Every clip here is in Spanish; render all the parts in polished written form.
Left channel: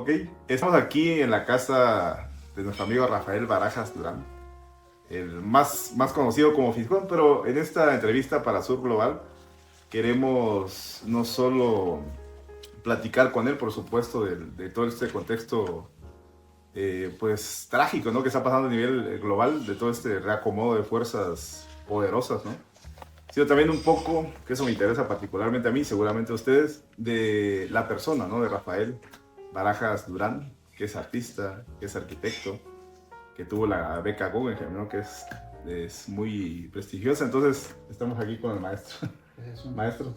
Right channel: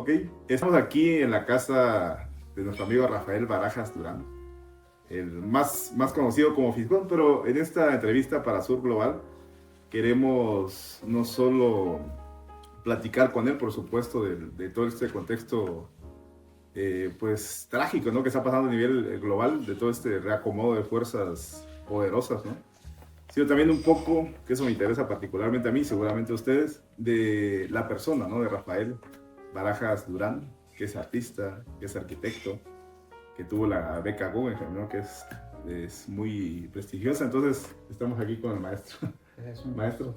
Ok, estamos aquí en la casa de nuestro amigo Rafael Barajas Durán, el más conocido como Fisgón, pero en esta entrevista para Sur Global queremos no solo platicar con él, por supuesto, de todo este contexto pues trágico, ¿no? Que está pasando a nivel global, de todo este reacomodo de fuerzas poderosas, ¿no? Sino también un poco, que eso me interesa particularmente a mí, seguramente a ustedes, de la persona, ¿no? De Rafael Barajas Durán, que es artista, que es arquitecto, que tuvo la beca Guggenheim, ¿no? Que es muy prestigiosa. Entonces, estamos aquí con el maestro. Pues Maestro.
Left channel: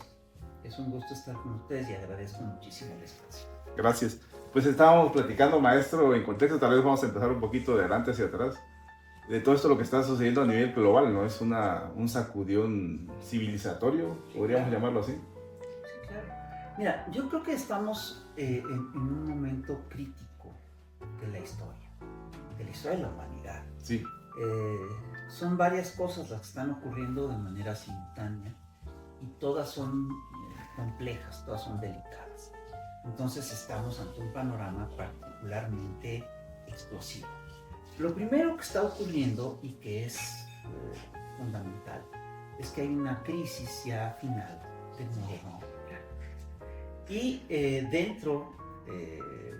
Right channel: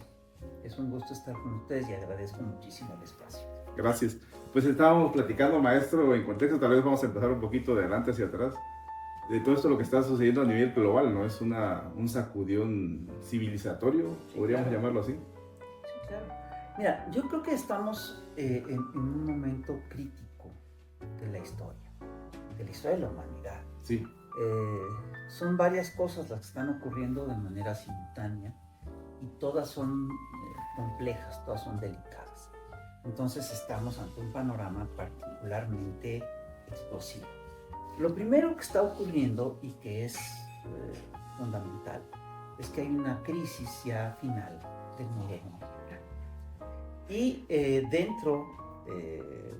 Es un gusto estar con ustedes y agradezco muchísimo el espacio. Gracias. Pues estábamos platicando, maestro, en contexto, tal vez vamos a empezar un poquito de adelante hacia atrás, de todo esto lo que está sucediendo a nivel global, ¿no? Es un sacudión civilizatorio, Sí, podríamos claro. llamarlo así. Sí, claro. Mira, yo creo que estamos en un momento crítico de la historia de la humanidad. Sí. Son varias cosas las que están ocurriendo de manera simultánea y todas son complejas, todas son delicadas. Entonces estamos ante un panorama particularmente explosivo. Lo primero que está ocurriendo y que es fundamental es que hay una crisis ya final del moderno americano. Y dentro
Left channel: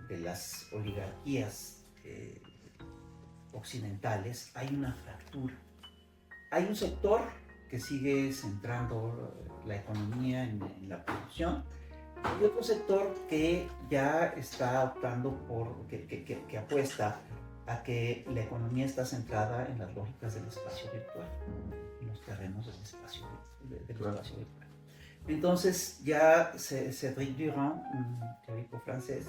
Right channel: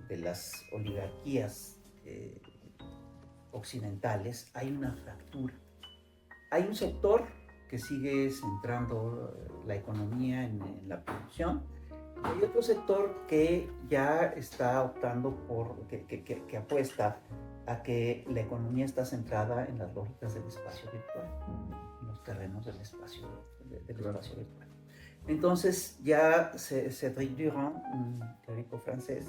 de las oligarquías occidentales hay una fractura. Hay un sector que sigue centrando la economía en la producción. Hay otro sector que ya está optando por, que apuesta a que la economía está centrada en las lógicas del espacio virtual, en los terrenos del espacio, espacio virtual. Entonces ya Cédric Durand, un teórico francés,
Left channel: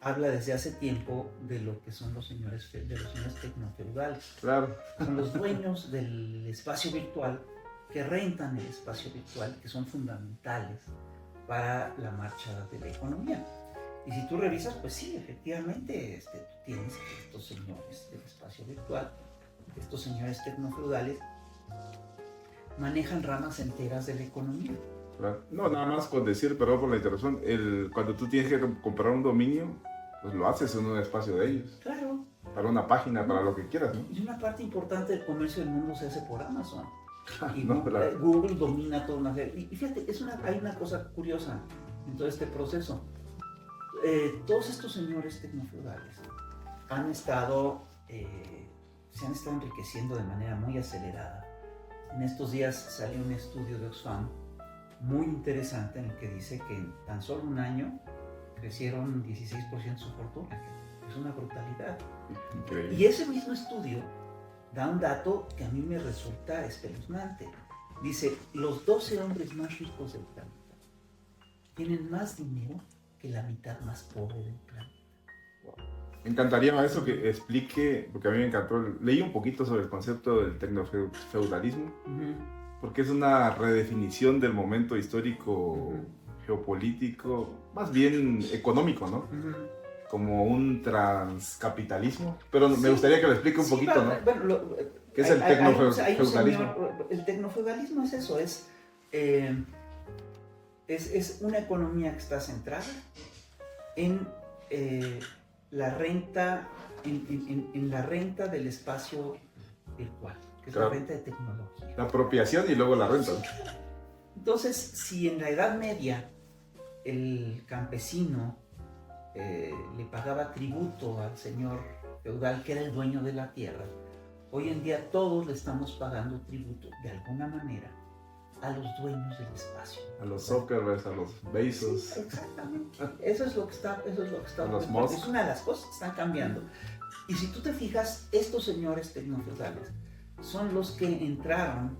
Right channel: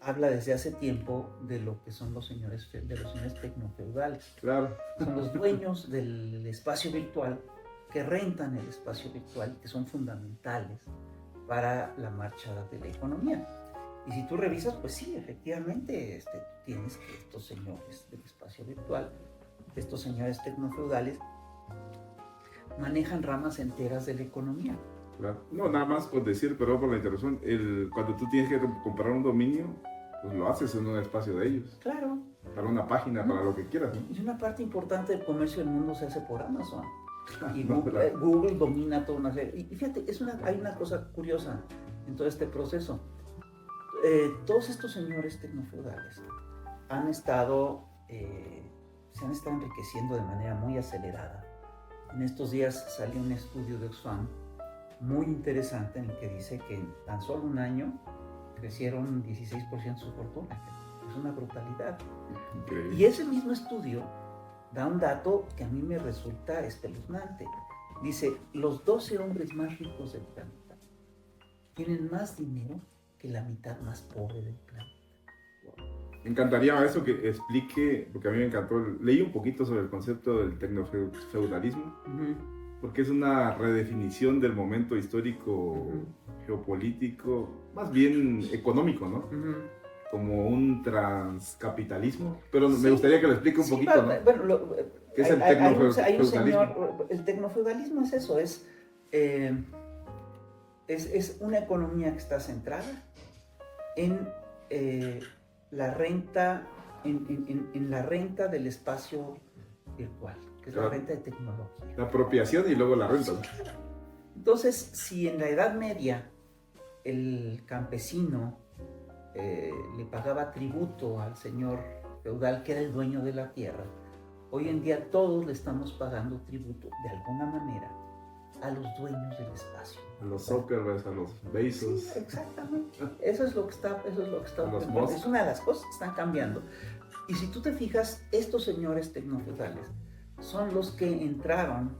habla desde hace tiempo de lo que son los señores tecnofeudales. Claro. Son los dueños del espacio virtual que rentan el espacio virtual, que son fundamentales para la marcha de la economía. Y si tú revisas, pues sí, efectivamente, tienes que estos señores del espacio virtual, estos señores tecnofeudales, manejan ramas enteras de la economía. Claro. No, nada más con decir, perdón por la interrupción, cuando tú tienes que comprar un dominio, pues lo haces en un espacio de ellos. Claro. Para una página, para lo que quieras, ¿no? Y una parte importante del comercio del mundo se hace por Amazon. Y No, Google domina toda una serie. Y fíjate, hay una cosa curiosa en todo este proceso. Todos estos señores tecnofeudales se han estado enriqueciendo de manera muy acelerada. En estos días salió un estudio de Oxfam muy interesante en el que dice que en tan solo un año crecieron 16% su fortuna. Es una brutalidad. Increíble. Y ese mismo estudio da un dato que a mí me resulta espeluznante. Dice, los 12 hombres más ricos del planeta tienen más dinero que la mitad más pobre del planeta. Me encantaría, maestro, que explique, porque a mí me encantó, leí un poquito sobre el concepto del tecnofeudalismo, porque es una redefinición del momento histórico, geopolítico, más bien económico, ¿no? Como un transcapitalismo, pero sí, me gustaría que lo explique un poquito, ¿no? Bueno, ¿qué es el tecnofeudalismo? El tecnofeudalismo es eso, es una economía que está centrada en la renta, en la renta del espacio virtual, que es la renta de tecnología. La apropiación y luego la renta. Entonces, si en la Edad Media el campesino le pagaba tributo al señor feudal que era el dueño de la tierra, hoy en día todos le estamos pagando tributo de alguna manera a los dueños del espacio. A los Zuckerberg, a los Bezos. Sí, exactamente. Eso es lo que está ocurriendo. Es una de las cosas que están cambiando. Y si tú te fijas, estos señores tecnofeudales son los que entraron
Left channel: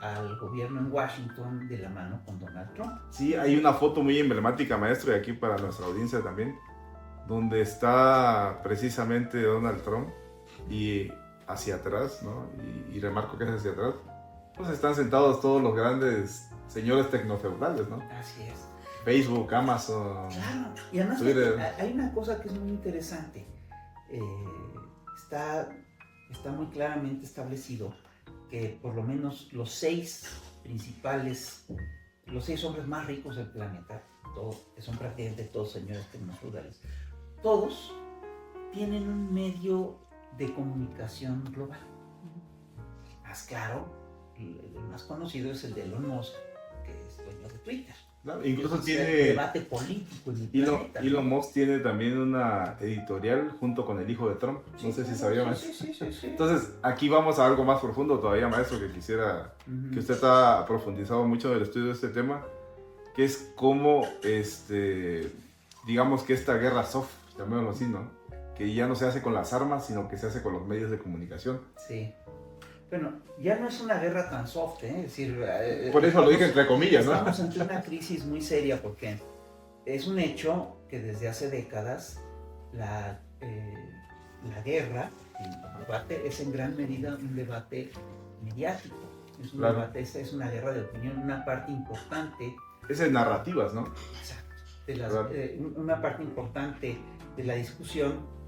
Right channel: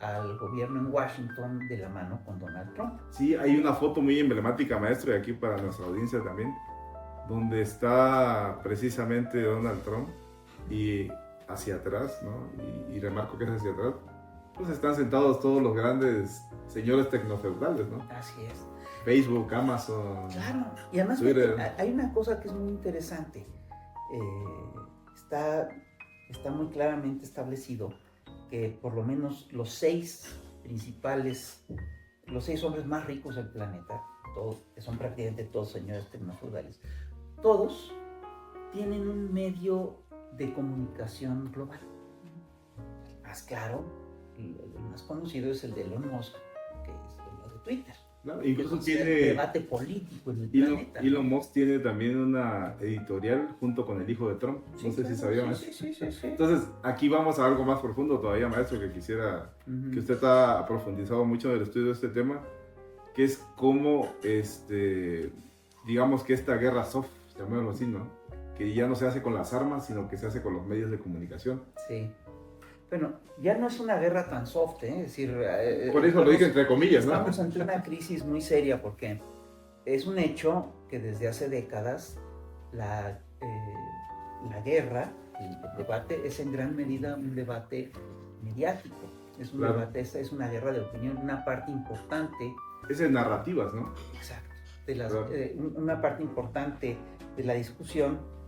al gobierno en Washington de la mano con Donald Trump. Sí, hay una foto muy emblemática, maestro, y aquí para nuestra audiencia también, donde está precisamente Donald Trump y hacia atrás, ¿no? Y remarco que es hacia atrás, pues están sentados todos los grandes señores tecnofeudales, ¿no? Así es. Facebook, Amazon, claro. Y además Twitter. Hay una cosa que es muy interesante. Está muy claramente establecido que por lo menos los 6 hombres más ricos del planeta, que son prácticamente todos señores tecnofeudales, todos tienen un medio de comunicación global. Más claro, el más conocido es el de Elon Musk, que es dueño de Twitter. ¿No? Incluso Es tiene el debate político en el planeta. Elon Musk tiene también una editorial junto con el hijo de Trump. Sí, No sé si claro, sabían sí, eso. sí. Entonces, aquí vamos a algo más profundo todavía, maestro, que quisiera que usted ha profundizado mucho en el estudio de este tema, que es cómo, digamos que esta guerra soft, llamémoslo así, ¿no? Que ya no se hace con las armas, sino que se hace con los medios de comunicación. Sí. Bueno, ya no es una guerra tan soft, ¿eh? Es decir, por eso lo dije entre comillas, ¿no? Estamos ante una crisis muy seria porque es un hecho que desde hace décadas la guerra, el debate es en gran medida un debate mediático. Es un debate, es una guerra de opinión, una parte importante. Es de narrativas, ¿no? Exacto. Una parte importante de la discusión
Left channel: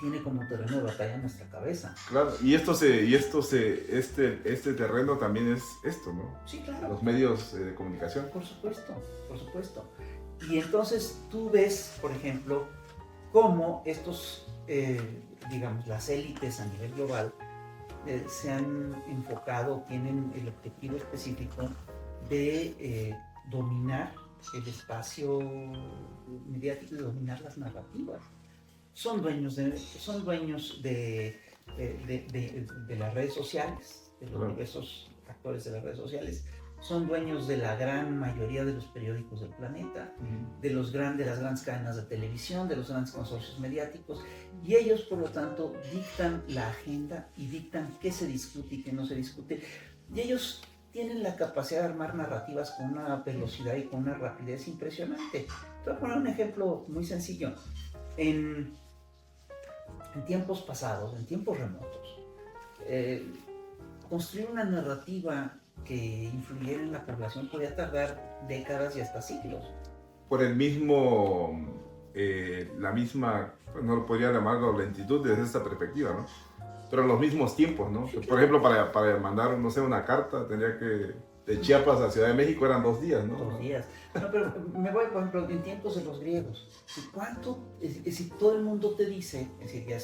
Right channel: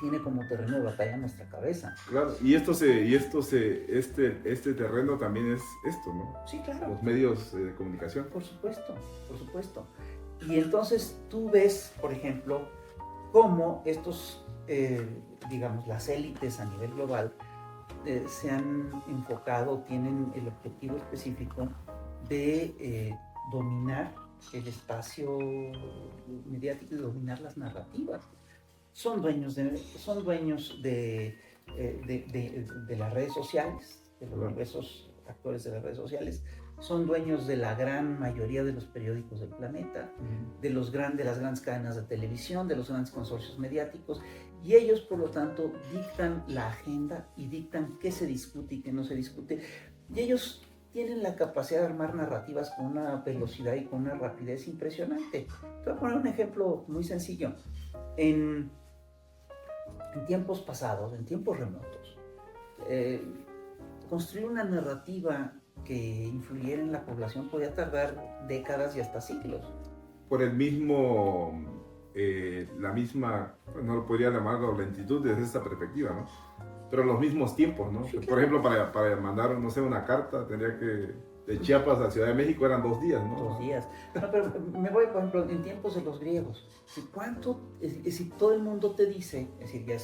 tiene como terreno de batalla nuestra cabeza. Claro, este terreno también es esto, ¿no? Sí, claro. Los medios de comunicación. Por supuesto. Y entonces tú ves, por ejemplo, cómo estos, digamos, las élites a nivel global se han enfocado, tienen el objetivo específico de dominar el espacio mediático y dominar las narrativas. Son dueños de las redes sociales, de los diversos actores de las redes sociales, son dueños de la gran mayoría de los periódicos del planeta, de las grandes cadenas de televisión, de los grandes consorcios mediáticos, y ellos, por lo tanto, dictan la agenda y dictan qué se discute y qué no se discute, y ellos tienen la capacidad de armar narrativas con una velocidad y con una rapidez impresionante. Te voy a poner un ejemplo muy sencillo. En tiempos pasados, en tiempos remotos, construir una narrativa que influyera en la población podía tardar décadas y hasta siglos. Por el mismo, la misma, no lo podría llamar la lentitud desde esta perspectiva, ¿no? Pero los mismos tiempos, ¿no? Sí, claro. Por ejemplo, para mandar, no sé, una carta, tendría que, de Chiapas a Ciudad de México eran 2 días, ¿no? 2 días. No, pero me voy, por ejemplo, en tiempos de los griegos. Si todo el mundo te dice, es decir, ya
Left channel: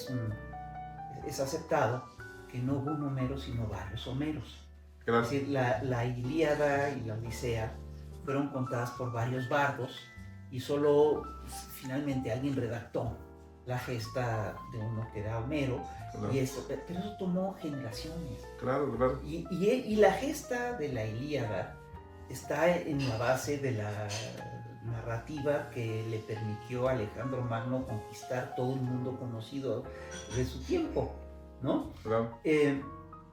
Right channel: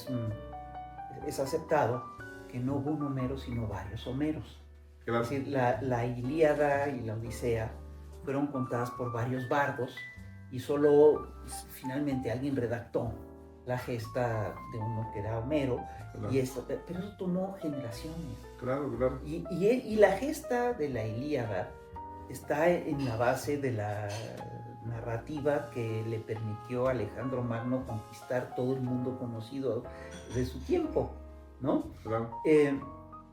es aceptado que no hubo un Homero, sino varios Homeros. Claro. Es decir, la Ilíada y la Odisea fueron contadas por varios bardos y solo finalmente alguien redactó la gesta de uno que era Homero, claro. Pero eso tomó generaciones. Claro. Y la gesta de la Ilíada está en la base de la narrativa que le permitió a Alejandro Magno conquistar todo el mundo conocido de su tiempo, ¿no? Claro.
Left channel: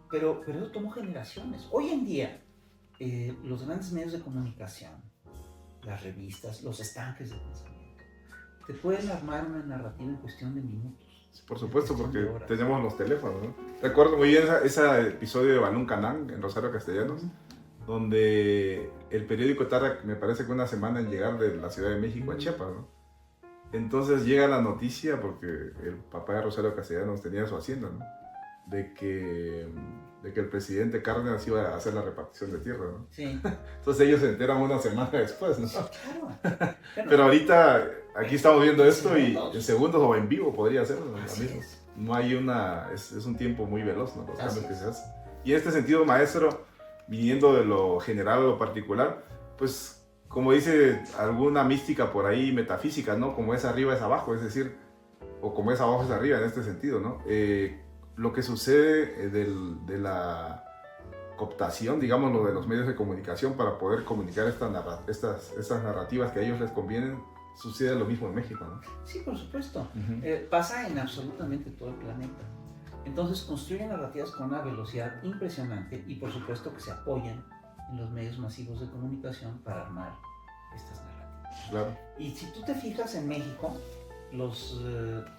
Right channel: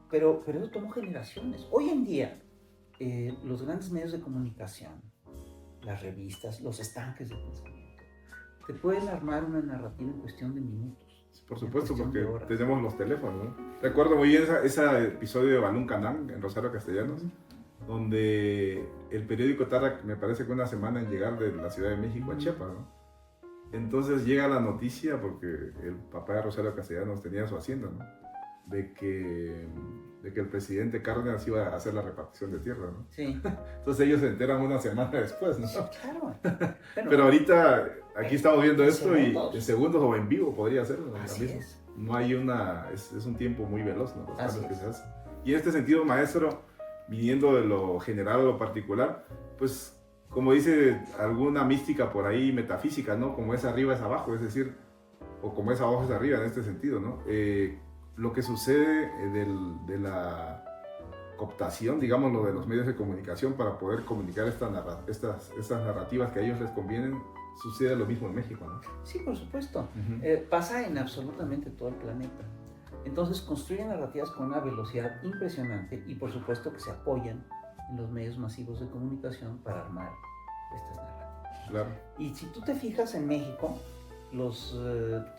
Pero eso tomó generaciones. Hoy en día, los grandes medios de comunicación, las revistas, los estanques de pensamiento, te pueden armar una narrativa en cuestión de minutos. Por supuesto, porque tenemos los teléfonos, ¿no? Recuerdo muy bien ese episodio de Balún Canán en Rosario Castellanos, donde el periódico tarda, me parece que una semana en llegar de la Ciudad de México a Chiapas, ¿no? Entonces llega la noticia, porque el papá de Rosario Castellanos tenía su hacienda, ¿no? De que el presidente Cárdenas iba a hacer la repartición de tierra, ¿no? Sí. Entonces ellos se enteran una semana después, ¿no? Sí, claro. Pero ahorita aquí estamos viendo esto segundos. Y en segundos o en vivo podría ser, ¿no? Así es. No hay es un tiempo muy veloz, ¿no? Los cambios que se hacen. Y en este sentido, maestro, viniendo de lo general a lo particular, pues como dice alguna mística por ahí, metafísica, ¿no? Como es arriba es abajo, es decir, o como es abajo es arriba en este sentido, ¿no? Lo que sucede de la cooptación, digámoslo, de los medios de comunicación para poder comunicar estas narrativas que a ellos les convienen, sucede lo mismo en México, ¿no? Sí, por supuesto. Pasa en absolutamente todo el planeta. Entonces construyen narrativas con una velocidad impresionante y por supuesto que se apoyan en los medios masivos de comunicación para armar estas narrativas. Claro. Y si tú te fijas en México, los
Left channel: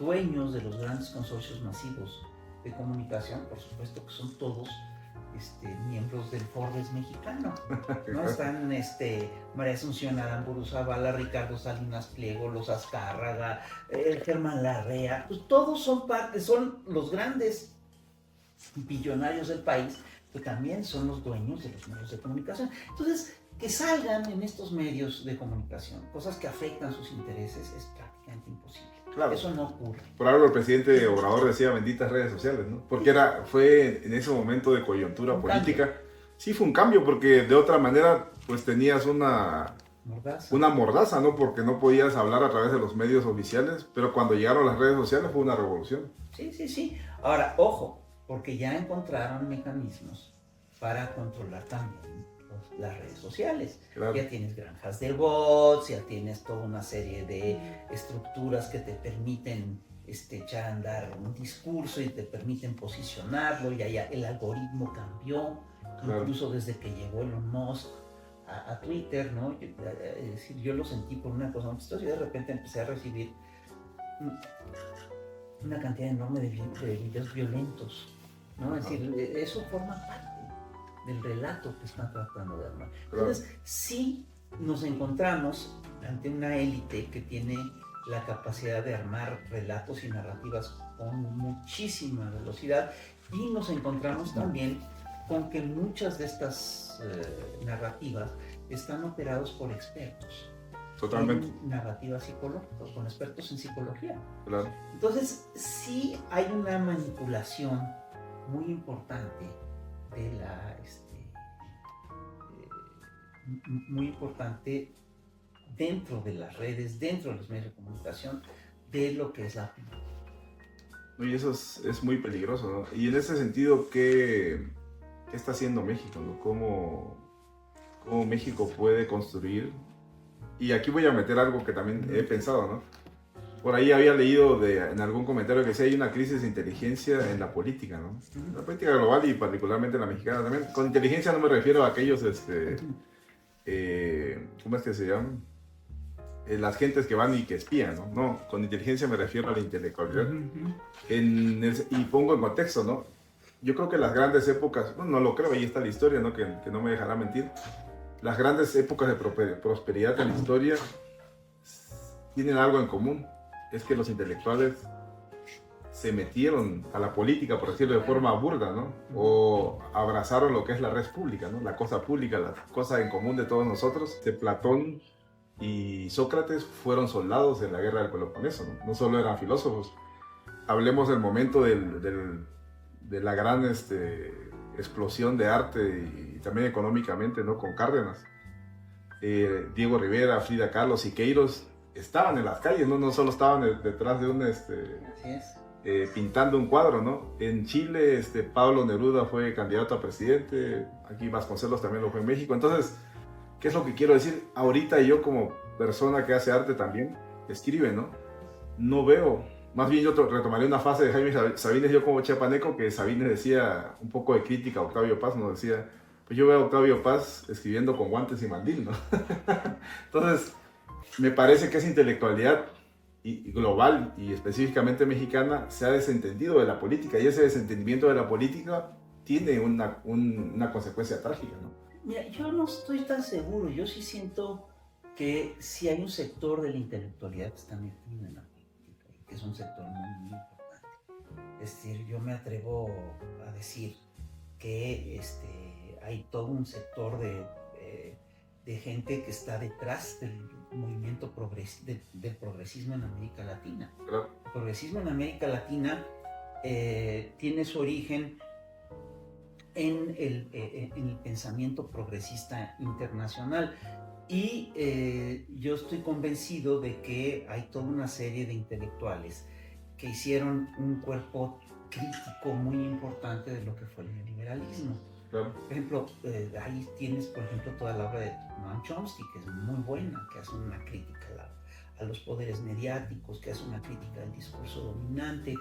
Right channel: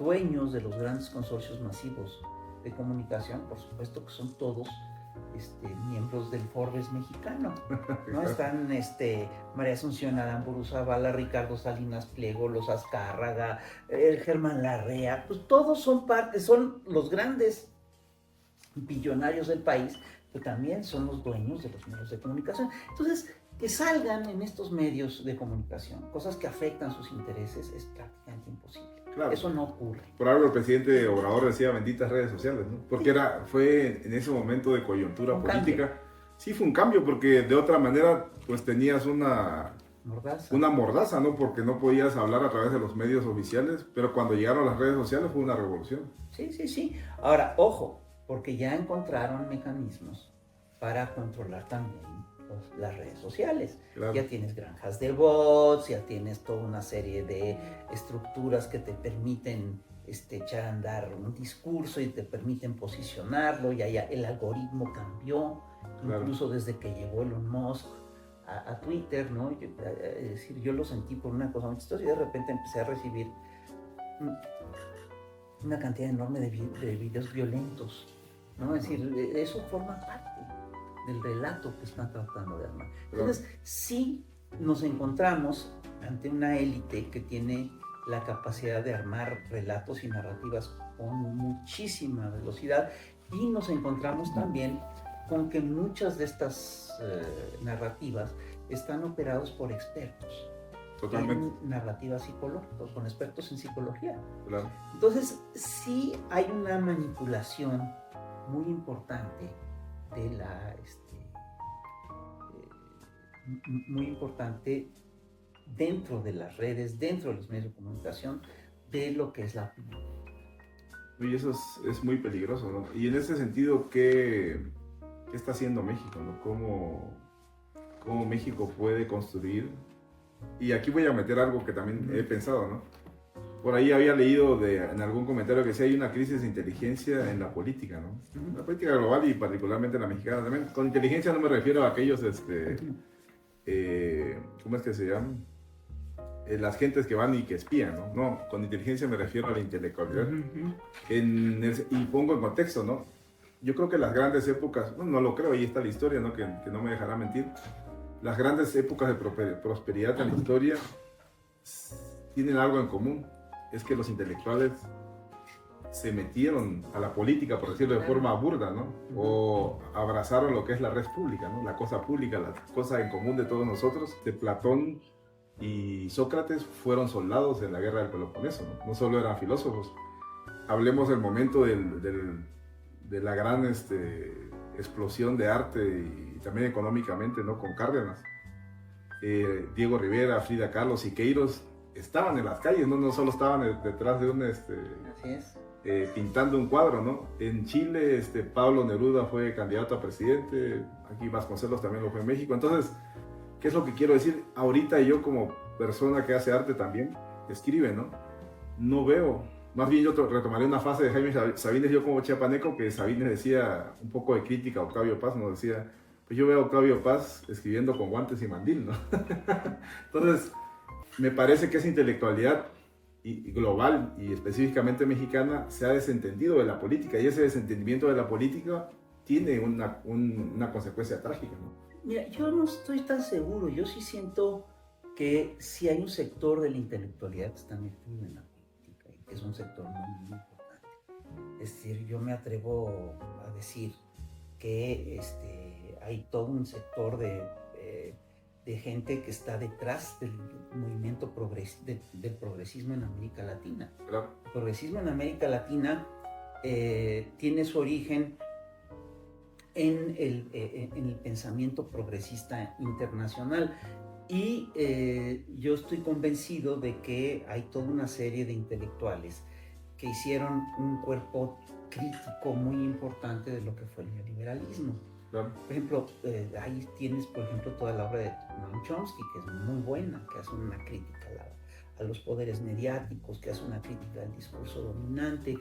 dueños de los grandes consorcios masivos de comunicación, por supuesto que son todos miembros del Forbes mexicano, ¿no? Están María Asunción Aramburu Zavala, Ricardo Salinas Pliego, los Azcárraga, Germán Larrea, pues todos son los grandes billonarios del país, que también son los dueños de los medios de comunicación. Entonces, que salgan en estos medios de comunicación, cosas que afectan sus intereses, es prácticamente imposible. Claro. Eso no ocurre. Por algo el presidente Obrador decía benditas redes sociales, ¿no? Porque fue en ese momento de coyuntura política. Cambio. Sí, fue un cambio, porque de otra manera, pues tenías una mordaza, ¿no? Porque no podías hablar a través de los medios oficiales, pero cuando llegaron las redes sociales fue una revolución. Sí. Ahora, ojo, porque ya encontraron mecanismos para controlar también las redes sociales. Claro. Ya tienes granjas de bots, ya tienes toda una serie de estructuras que te permiten echar a andar un discurso y te permiten posicionarlo, ya el algoritmo cambió, claro. Incluso desde que llegó Elon Musk a Twitter, ¿no? Es decir, yo lo sentí por una cosa muy chistosa y de repente empecé a recibir una cantidad enorme de videos violentos, ¿no? Es decir, eso forma parte del relato que están tratando de armar. Entonces, sí nos encontramos ante una élite que tiene la capacidad de armar relatos y narrativas con muchísima velocidad, y nos encontramos también con que muchas de estas narrativas están operados por expertos. Totalmente. En narrativas psicológicas, con expertos en psicología. Claro. Entonces, sí hay una manipulación muy importante de muy importante dentro de las redes, dentro de los medios de comunicación, de lo que es la opinión. Y eso es muy peligroso, ¿no? Y en ese sentido, ¿qué está haciendo México, ¿no? ¿Cómo México puede construir? Y aquí voy a meter algo que también he pensado, ¿no? Por ahí había leído en algún comentario que sí hay una crisis de inteligencia en la política, ¿no? En la política global y particularmente en la mexicana también. Con inteligencia no me refiero a aquellos, ¿cómo es que se llaman? Las gentes que van y que espían, ¿no? No, con inteligencia me refiero a la intelectualidad. Y pongo en contexto, ¿no? Yo creo que las grandes épocas, no lo creo, ahí está la historia, ¿no? Que no me dejará mentir. Las grandes épocas de prosperidad en la historia tienen algo en común. Es que los intelectuales se metieron a la política, por decirlo de forma burda, ¿no? O abrazaron lo que es la red pública, ¿no? La cosa pública, la cosa en común de todos nosotros. Platón y Sócrates fueron soldados en la guerra del Peloponeso, ¿no? No solo eran filósofos. Hablemos del momento de la gran explosión de arte y también económicamente, ¿no? Con Cárdenas. Diego Rivera, Frida Kahlo, Siqueiros estaban en las calles, no solo estaban detrás de un pintando un cuadro, ¿no? En Chile Pablo Neruda fue candidato a presidente, aquí Vasconcelos también lo fue en México. Entonces, ¿qué es lo que quiero decir? Ahorita yo como persona que hace arte también, escribe, ¿no? No veo, más bien yo retomaré una frase de Jaime Sabines, yo como chiapaneco, que Sabines decía un poco de crítica a Octavio Paz, nos decía, pues yo veo a Octavio Paz escribiendo con guantes y mandil, ¿no? Entonces, me parece que esa intelectualidad y global y específicamente mexicana se ha desentendido de la política, y ese desentendimiento de la política tiene una consecuencia trágica, ¿no? Mira, yo no estoy tan seguro, yo sí siento que sí hay un sector de la intelectualidad que está metido en la política, y que es un sector muy importante. Es decir, yo me atrevo a decir que hay todo un sector de gente que está detrás del movimiento del progresismo en América Latina. Claro. El progresismo en América Latina tiene su origen en el pensamiento progresista internacional, y yo estoy convencido de que hay toda una serie de intelectuales que hicieron un cuerpo crítico muy importante de lo que fue el neoliberalismo. Claro. Por ejemplo, ahí tienes, por ejemplo, toda la obra de Noam Chomsky, que es muy buena, que hace una crítica a los poderes mediáticos, que hace una crítica al discurso dominante.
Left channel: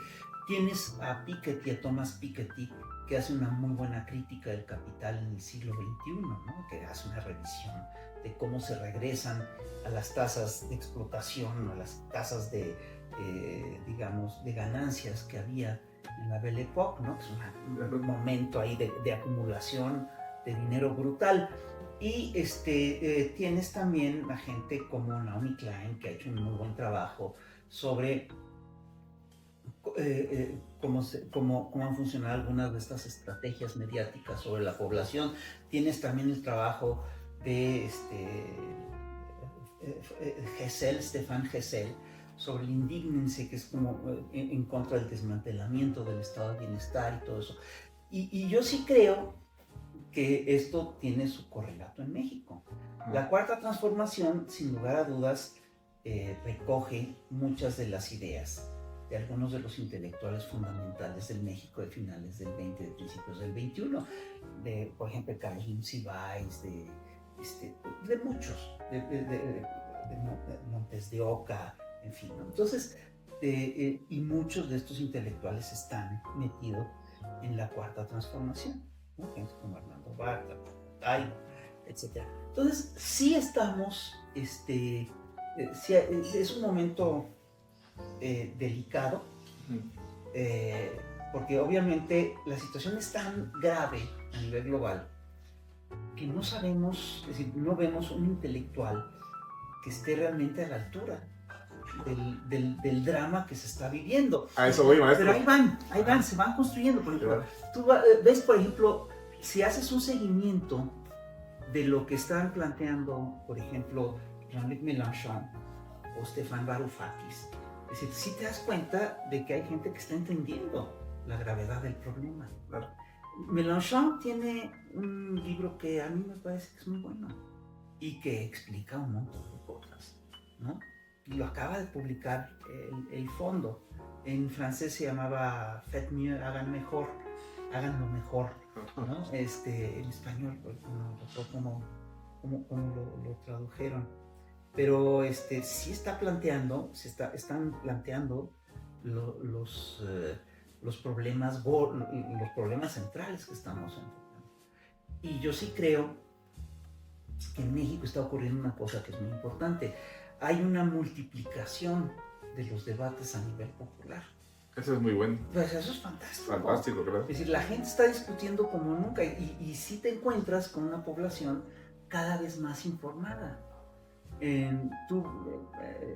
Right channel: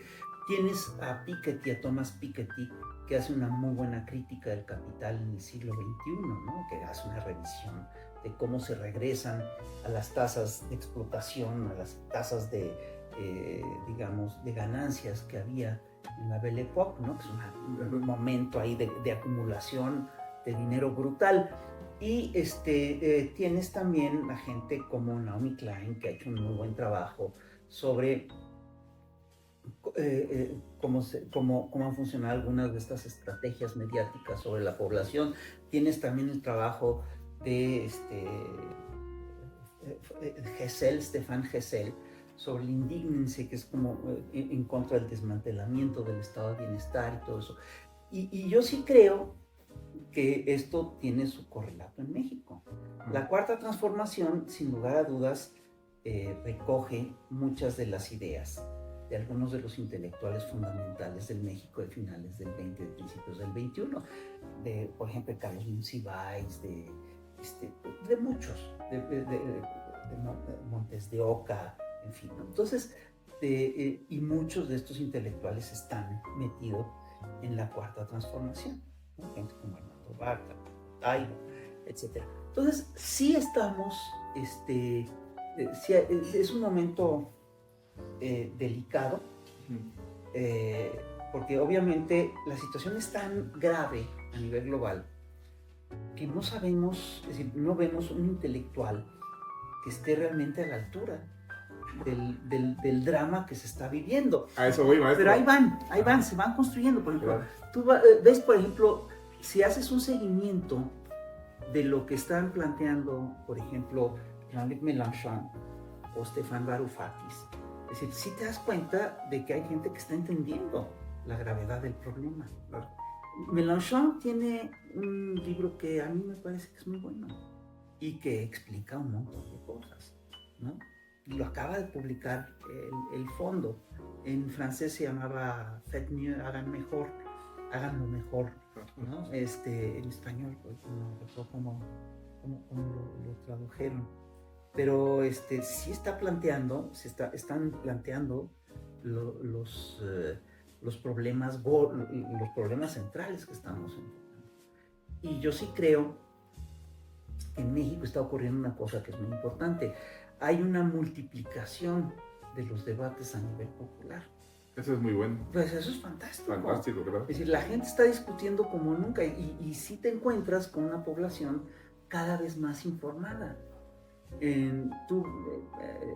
Tienes a Piketty, a Thomas Piketty, que hace una muy buena crítica del capital en el siglo XXI, ¿no? Que hace una revisión de cómo se regresan a las tasas de explotación, a las tasas de ganancias que había en la Belle Époque, ¿no? Que es un momento ahí de acumulación de dinero brutal. Y tienes también a gente como Naomi Klein, que ha hecho un muy buen trabajo sobre cómo han funcionado algunas de estas estrategias mediáticas sobre la población. Tienes también el trabajo de Stefan Hessel, sobre el indígnense, que es como en contra del desmantelamiento del estado de bienestar y todo eso. Y yo sí creo que esto tiene su correlato en México. La Cuarta Transformación, sin lugar a dudas, recoge muchas de las ideas de algunos de los intelectuales fundamentales del México de finales del 20, de principios del 21, por ejemplo, Carlos Monsiváis, de muchos, de Montes de Oca, en fin, ¿no? Entonces, y muchos de estos intelectuales están metidos en la Cuarta Transformación, ¿no? Gente como Armando Bartra, Taibo, etc. Entonces, sí estamos, sí, es un momento delicado, porque obviamente la situación es tan grave a nivel global que no sabemos, es decir, no vemos un intelectual que esté realmente a la altura del drama que se está viviendo. A eso voy, maestro. Pero ahí van, se van construyendo. Por ejemplo, tú ves, por ejemplo, si haces un seguimiento de lo que están planteando, por ejemplo, Jean-Luc Mélenchon o Stéphane Varoufakis, es decir, sí te das cuenta de que hay gente que está entendiendo la gravedad del problema. Mélenchon tiene un libro que a mí me parece que es muy bueno y que explica un montón de cosas, ¿no? Y lo acaba de publicar el fondo. En francés se llamaba Faites mieux, háganlo mejor, ¿no? En español, no lo tradujeron. Pero sí está planteando, están planteando los problemas centrales que estamos enfrentando. Y yo sí creo que en México está ocurriendo una cosa que es muy importante. Hay una multiplicación de los debates a nivel popular. Eso es muy bueno. Pues eso es fantástico. Fantástico, ¿verdad? Es decir, la gente está discutiendo como nunca y sí te encuentras con una población cada vez más informada. Es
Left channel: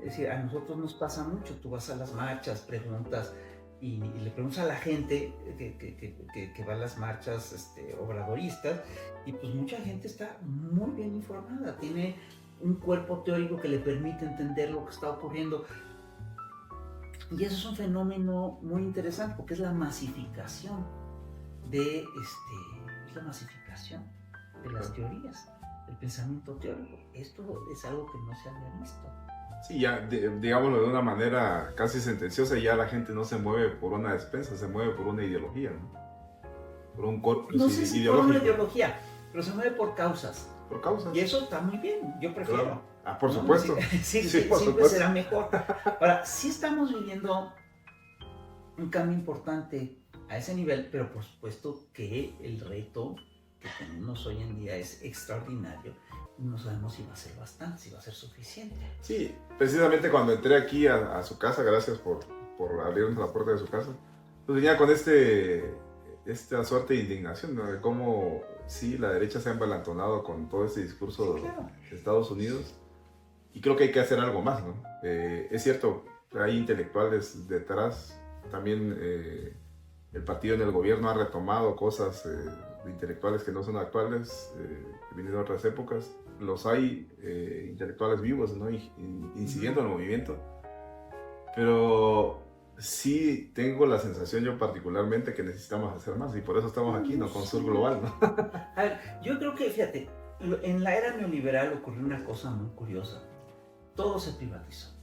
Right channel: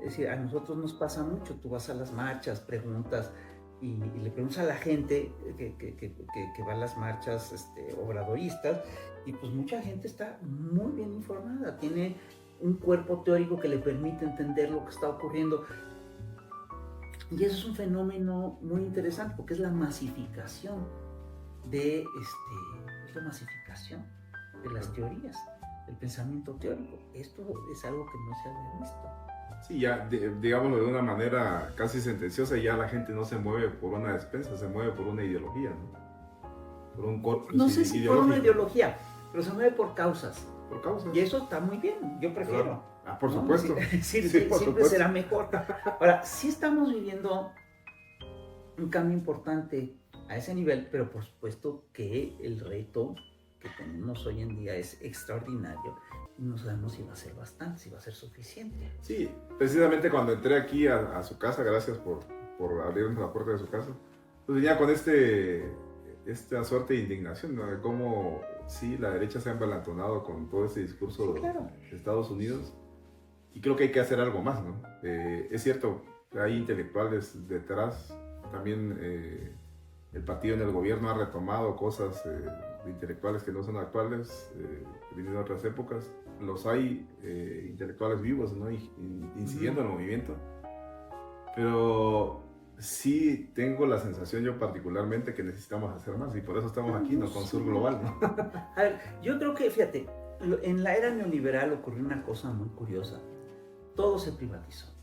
decir, a nosotros nos pasa mucho. Tú vas a las marchas, preguntas y le preguntas a la gente que va a las marchas obradoristas, y pues mucha gente está muy bien informada, tiene un cuerpo teórico que le permite entender lo que está ocurriendo. Y eso es un fenómeno muy interesante porque es la masificación de las teorías, del pensamiento teórico. Esto es algo que no se había visto. Sí, ya, digámoslo de una manera casi sentenciosa, ya la gente no se mueve por una despensa, se mueve por una ideología, ¿no? Por un corpus no sé si por una ideológico. ideología, pero se mueve por causas. Por causas. Y eso está muy bien, yo prefiero. Claro. Ah, por ¿no? supuesto. Sí, por siempre supuesto. será mejor. Ahora, sí estamos viviendo un cambio importante a ese nivel, pero por supuesto que el reto que tenemos hoy en día es extraordinario. No sabemos si va a ser bastante, si va a ser suficiente. Sí, precisamente cuando entré aquí a su casa, gracias por abrirnos la puerta de su casa, pues venía con esta suerte de indignación, ¿no? De cómo sí, la derecha se ha embalantonado con todo este discurso Sí, claro. de Estados Unidos, y creo que hay que hacer algo más, ¿no? Es cierto, hay intelectuales detrás, también el partido en el gobierno ha retomado cosas de intelectuales que no son actuales, que vienen de otras épocas. Los hay intelectuales vivos, ¿no? Incidiendo en el movimiento, pero sí tengo la sensación yo particularmente que necesitamos hacer más, y por eso estamos aquí, ¿no? Con Sur Global, ¿no? A ver, yo creo que, fíjate, en la era neoliberal ocurrió una cosa muy curiosa. Todo se privatizó.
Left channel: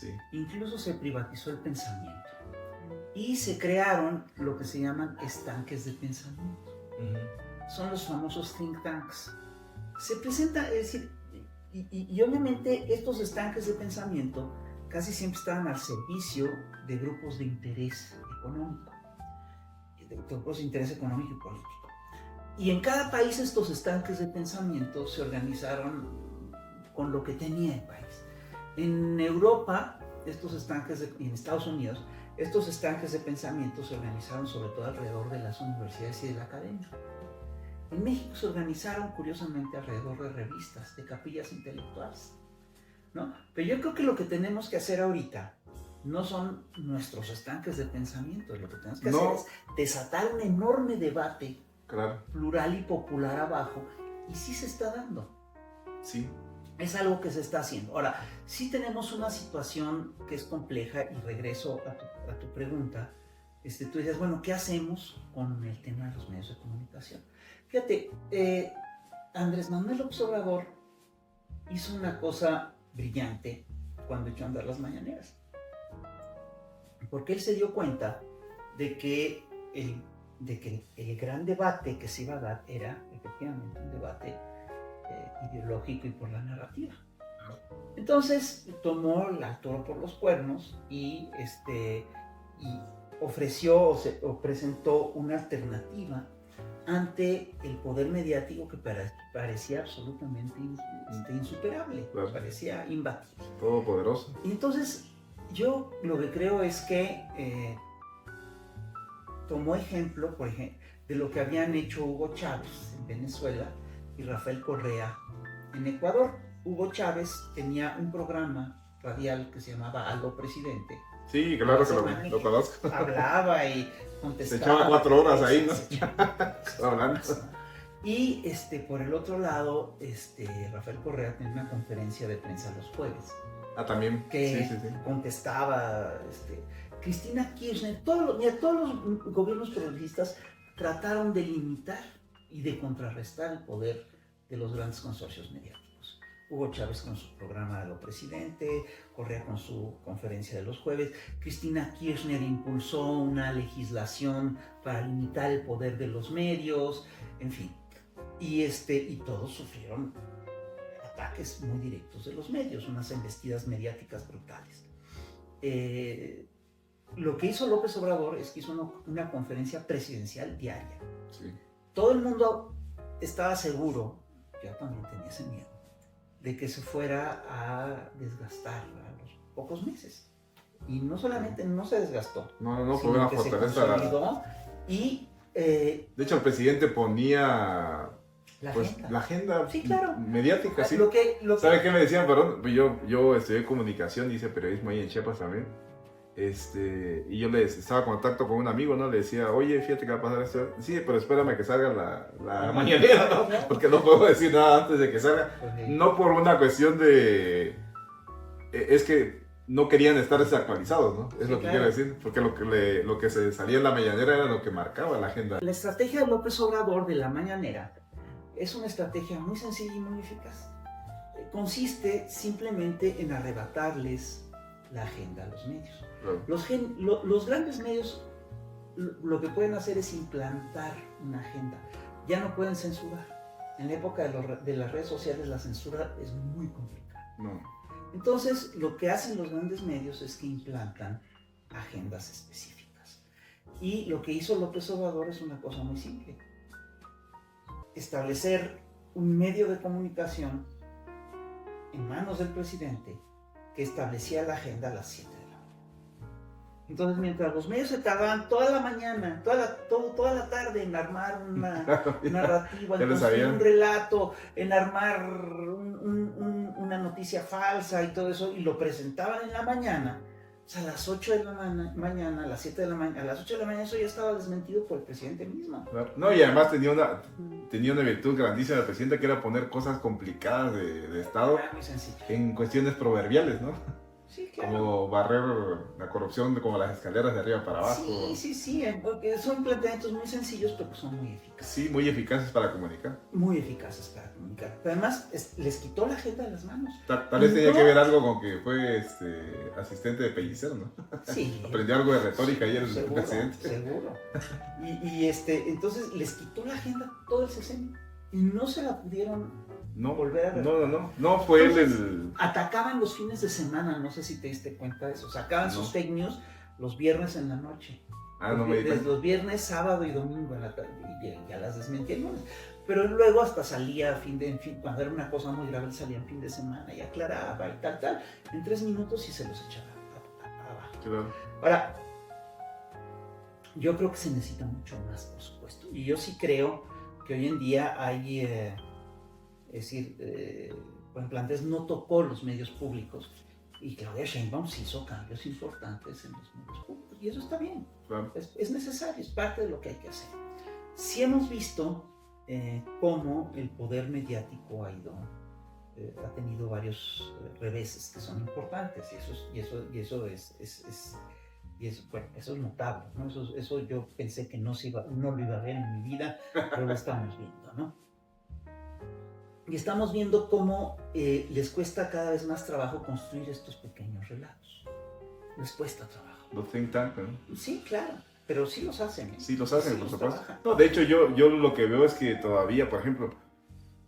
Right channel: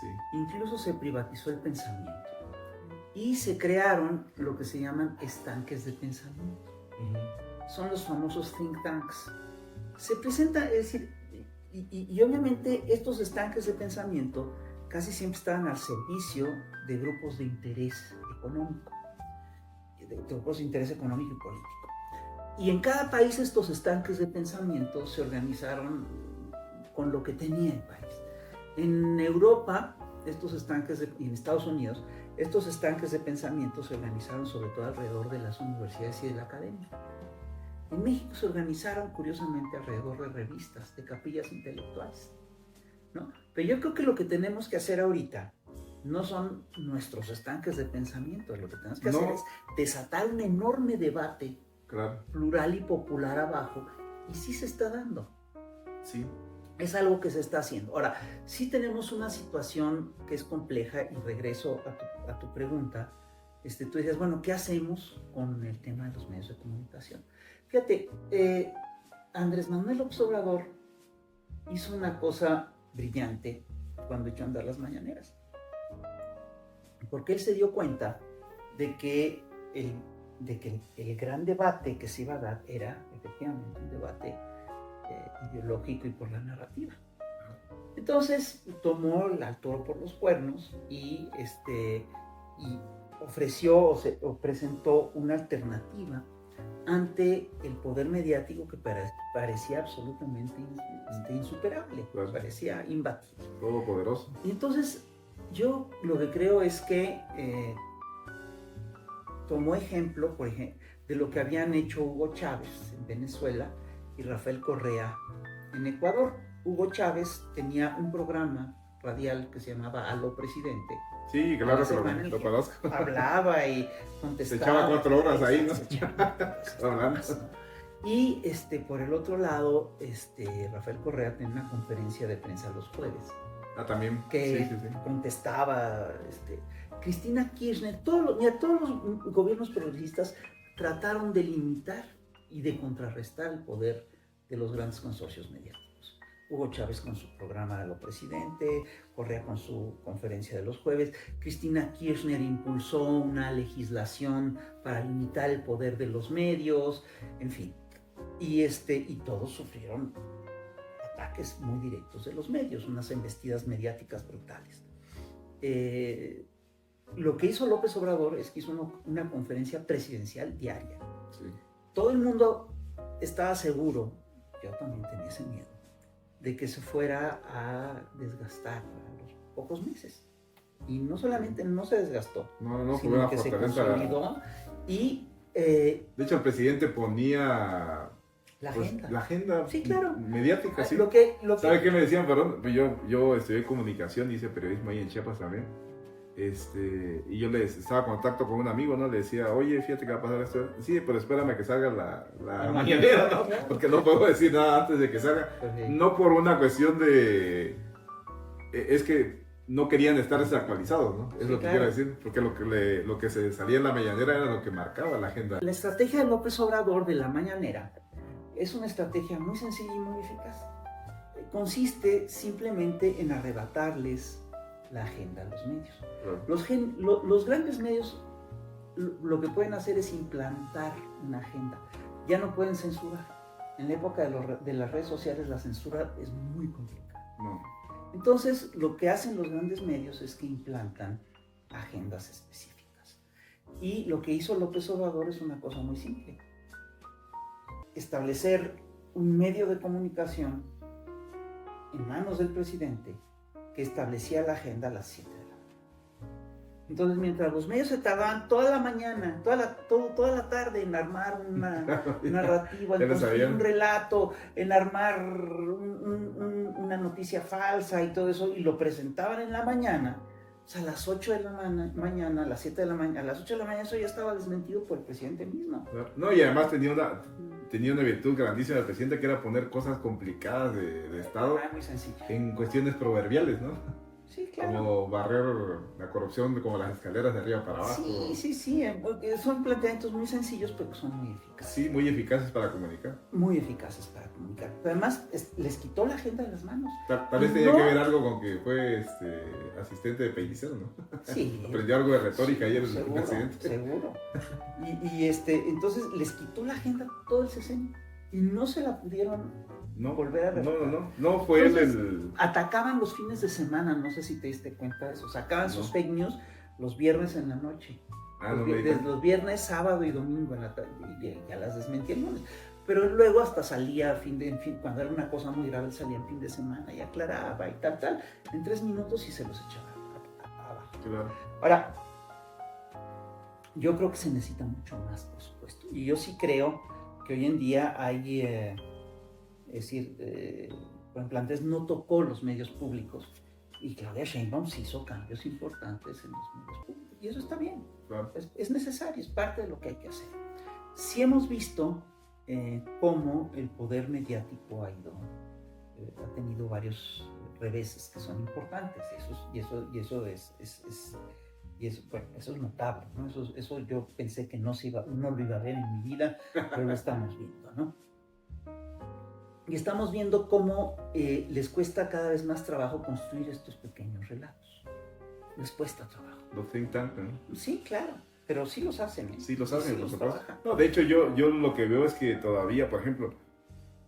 Sí. Incluso se privatizó el pensamiento. Y se crearon lo que se llaman estanques de pensamiento. Son los famosos think tanks. Se presenta, es decir, y obviamente estos estanques de pensamiento casi siempre estaban al servicio de grupos de interés económico, de grupos de interés económico y político. Y en cada país estos estanques de pensamiento se organizaron con lo que tenía el país. En Europa, y en Estados Unidos, estos estanques de pensamiento se organizaron sobre todo alrededor de las universidades y de la academia. En México se organizaron, curiosamente, alrededor de revistas, de capillas intelectuales, ¿no? Pero yo creo que lo que tenemos que hacer ahorita no son nuestros estanques de pensamiento. Lo que tenemos que hacer es desatar un enorme debate, claro, plural y popular abajo, y sí se está dando. Sí. Es algo que se está haciendo. Ahora, sí tenemos una situación que es compleja y regreso a tu pregunta. Tú dices, bueno, ¿qué hacemos con el tema de los medios de comunicación? Fíjate, Andrés Manuel López Obrador hizo una cosa brillante cuando echó a andar las mañaneras. Porque él se dio cuenta de que el gran debate que se iba a dar era efectivamente un debate ideológico y por la narrativa. Entonces tomó el toro por los cuernos y ofreció o presentó una alternativa ante el poder mediático que parecía absolutamente insuperable, claro. Parecía imbatible. Todopoderoso. Y entonces yo lo que creo es que tomó ejemplo, por ejemplo, de lo que habían hecho Hugo Chávez en Venezuela y Rafael Correa en Ecuador. Hugo Chávez tenía un programa radial que se llamaba Aló Presidente. Sí, claro que lo conozco. Hablaba y contestaba. Se echaba 4 horas ahí, ¿no? Se echaba hablando. Y por el otro lado, Rafael Correa tenía una conferencia de prensa los jueves. Ah, también. Que sí. contestaba Cristina Kirchner. Todos los gobiernos progresistas trataron de limitar y de contrarrestar el poder de los grandes consorcios mediáticos. Hugo Chávez con su programa de lo presidente, Correa con su conferencia de los jueves, Cristina Kirchner impulsó una legislación para limitar el poder de los medios, en fin. Y todos sufrieron ataques muy directos de los medios, unas embestidas mediáticas brutales. Lo que hizo López Obrador es que hizo una conferencia presidencial diaria. Sí. Todo el mundo estaba seguro, yo también tenía ese miedo, de que se fuera a desgastar a los pocos meses. Y no solamente no se desgastó, no fue sino una que se fortaleza. consolidó y... de hecho, el presidente ponía la agenda sí, claro. mediática. Sí. ¿Sabe qué me decían? Perdón, yo estudié comunicación, hice periodismo ahí en Chiapas también. Y yo estaba en contacto con un amigo, ¿no? Le decía, oye, fíjate que va a pasar esto. Sí, pero espérame que salga la mañanera, ¿no? Porque no puedo decir nada antes de que salga. No por una cuestión de... Es que no querían estar desactualizados, ¿no? Es lo que quiero decir. Porque lo que se salía en la mañanera era lo que marcaba la agenda. La estrategia de López Obrador de la mañanera es una estrategia muy sencilla y muy eficaz. Consiste simplemente en arrebatarles la agenda a los medios. Claro. Los grandes medios lo que pueden hacer es implantar una agenda. Ya no pueden censurar. En la época de las redes sociales la censura es muy complicada. No. Entonces lo que hacen los grandes medios es que implantan agendas específicas. Y lo que hizo López Obrador es una cosa muy simple. Establecer un medio de comunicación en manos del presidente que establecía la agenda a las 7 de la mañana. Entonces, mientras los medios se tardaban toda la mañana, toda la tarde en armar una narrativa, en construir un relato, en armar una noticia falsa y todo eso, y lo presentaban en la mañana, o sea, a las 8 de la mañana, a las 7 de la mañana, a las 8 de la mañana eso ya estaba desmentido por el presidente mismo. No, y además tenía una virtud grandísima del presidente, que era poner cosas complicadas de Estado en cuestiones proverbiales, ¿no? Sí, claro. Como barrer la corrupción como las escaleras de arriba para abajo. Sí, porque son planteamientos muy sencillos, pero son muy eficaces. Sí, muy eficaces para comunicar. Muy eficaces para comunicar. Pero además les quitó la agenda de las manos. Tal vez tenía que ver algo con que fue asistente de Pellicer, ¿no? Sí. Aprendió algo de retórica y el presidente. Seguro. Y entonces les quitó la agenda todo el sexenio y no se la pudieron volver a retomar. No fue entonces, él atacaban los fines de semana, no sé si te diste cuenta de eso. Sacaban sus fake news los viernes en la noche. Los viernes, sábado y domingo en la tarde. Y ya las desmentía el lunes. Pero luego hasta salía cuando era una cosa muy grave, salía en fin de semana y aclaraba y tal. En 3 minutos y se los echaba abajo. Claro. Ahora, yo creo que se necesita mucho más, por supuesto. Y yo sí creo que hoy en día hay, es decir, por ejemplo, antes no tocó los medios públicos y Claudia Sheinbaum sí hizo cambios importantes en los medios públicos. Y eso está bien, claro. Es necesario, es parte de lo que hay que hacer. Sí hemos visto cómo el poder mediático ha ido ha tenido varios reveses que son importantes, bueno, eso es notable, ¿no? Eso yo pensé que no lo iba a ver en mi vida, pero lo estamos viendo, ¿no? Y estamos viendo cómo les cuesta cada vez más trabajo construir estos pequeños relatos. Les cuesta trabajo. Los think tank, ¿no? Sí, claro, pero sí los hacen. Sí, los hacen, sí por los supuesto. trabajan. No, de hecho, yo lo que veo es que todavía, por ejemplo,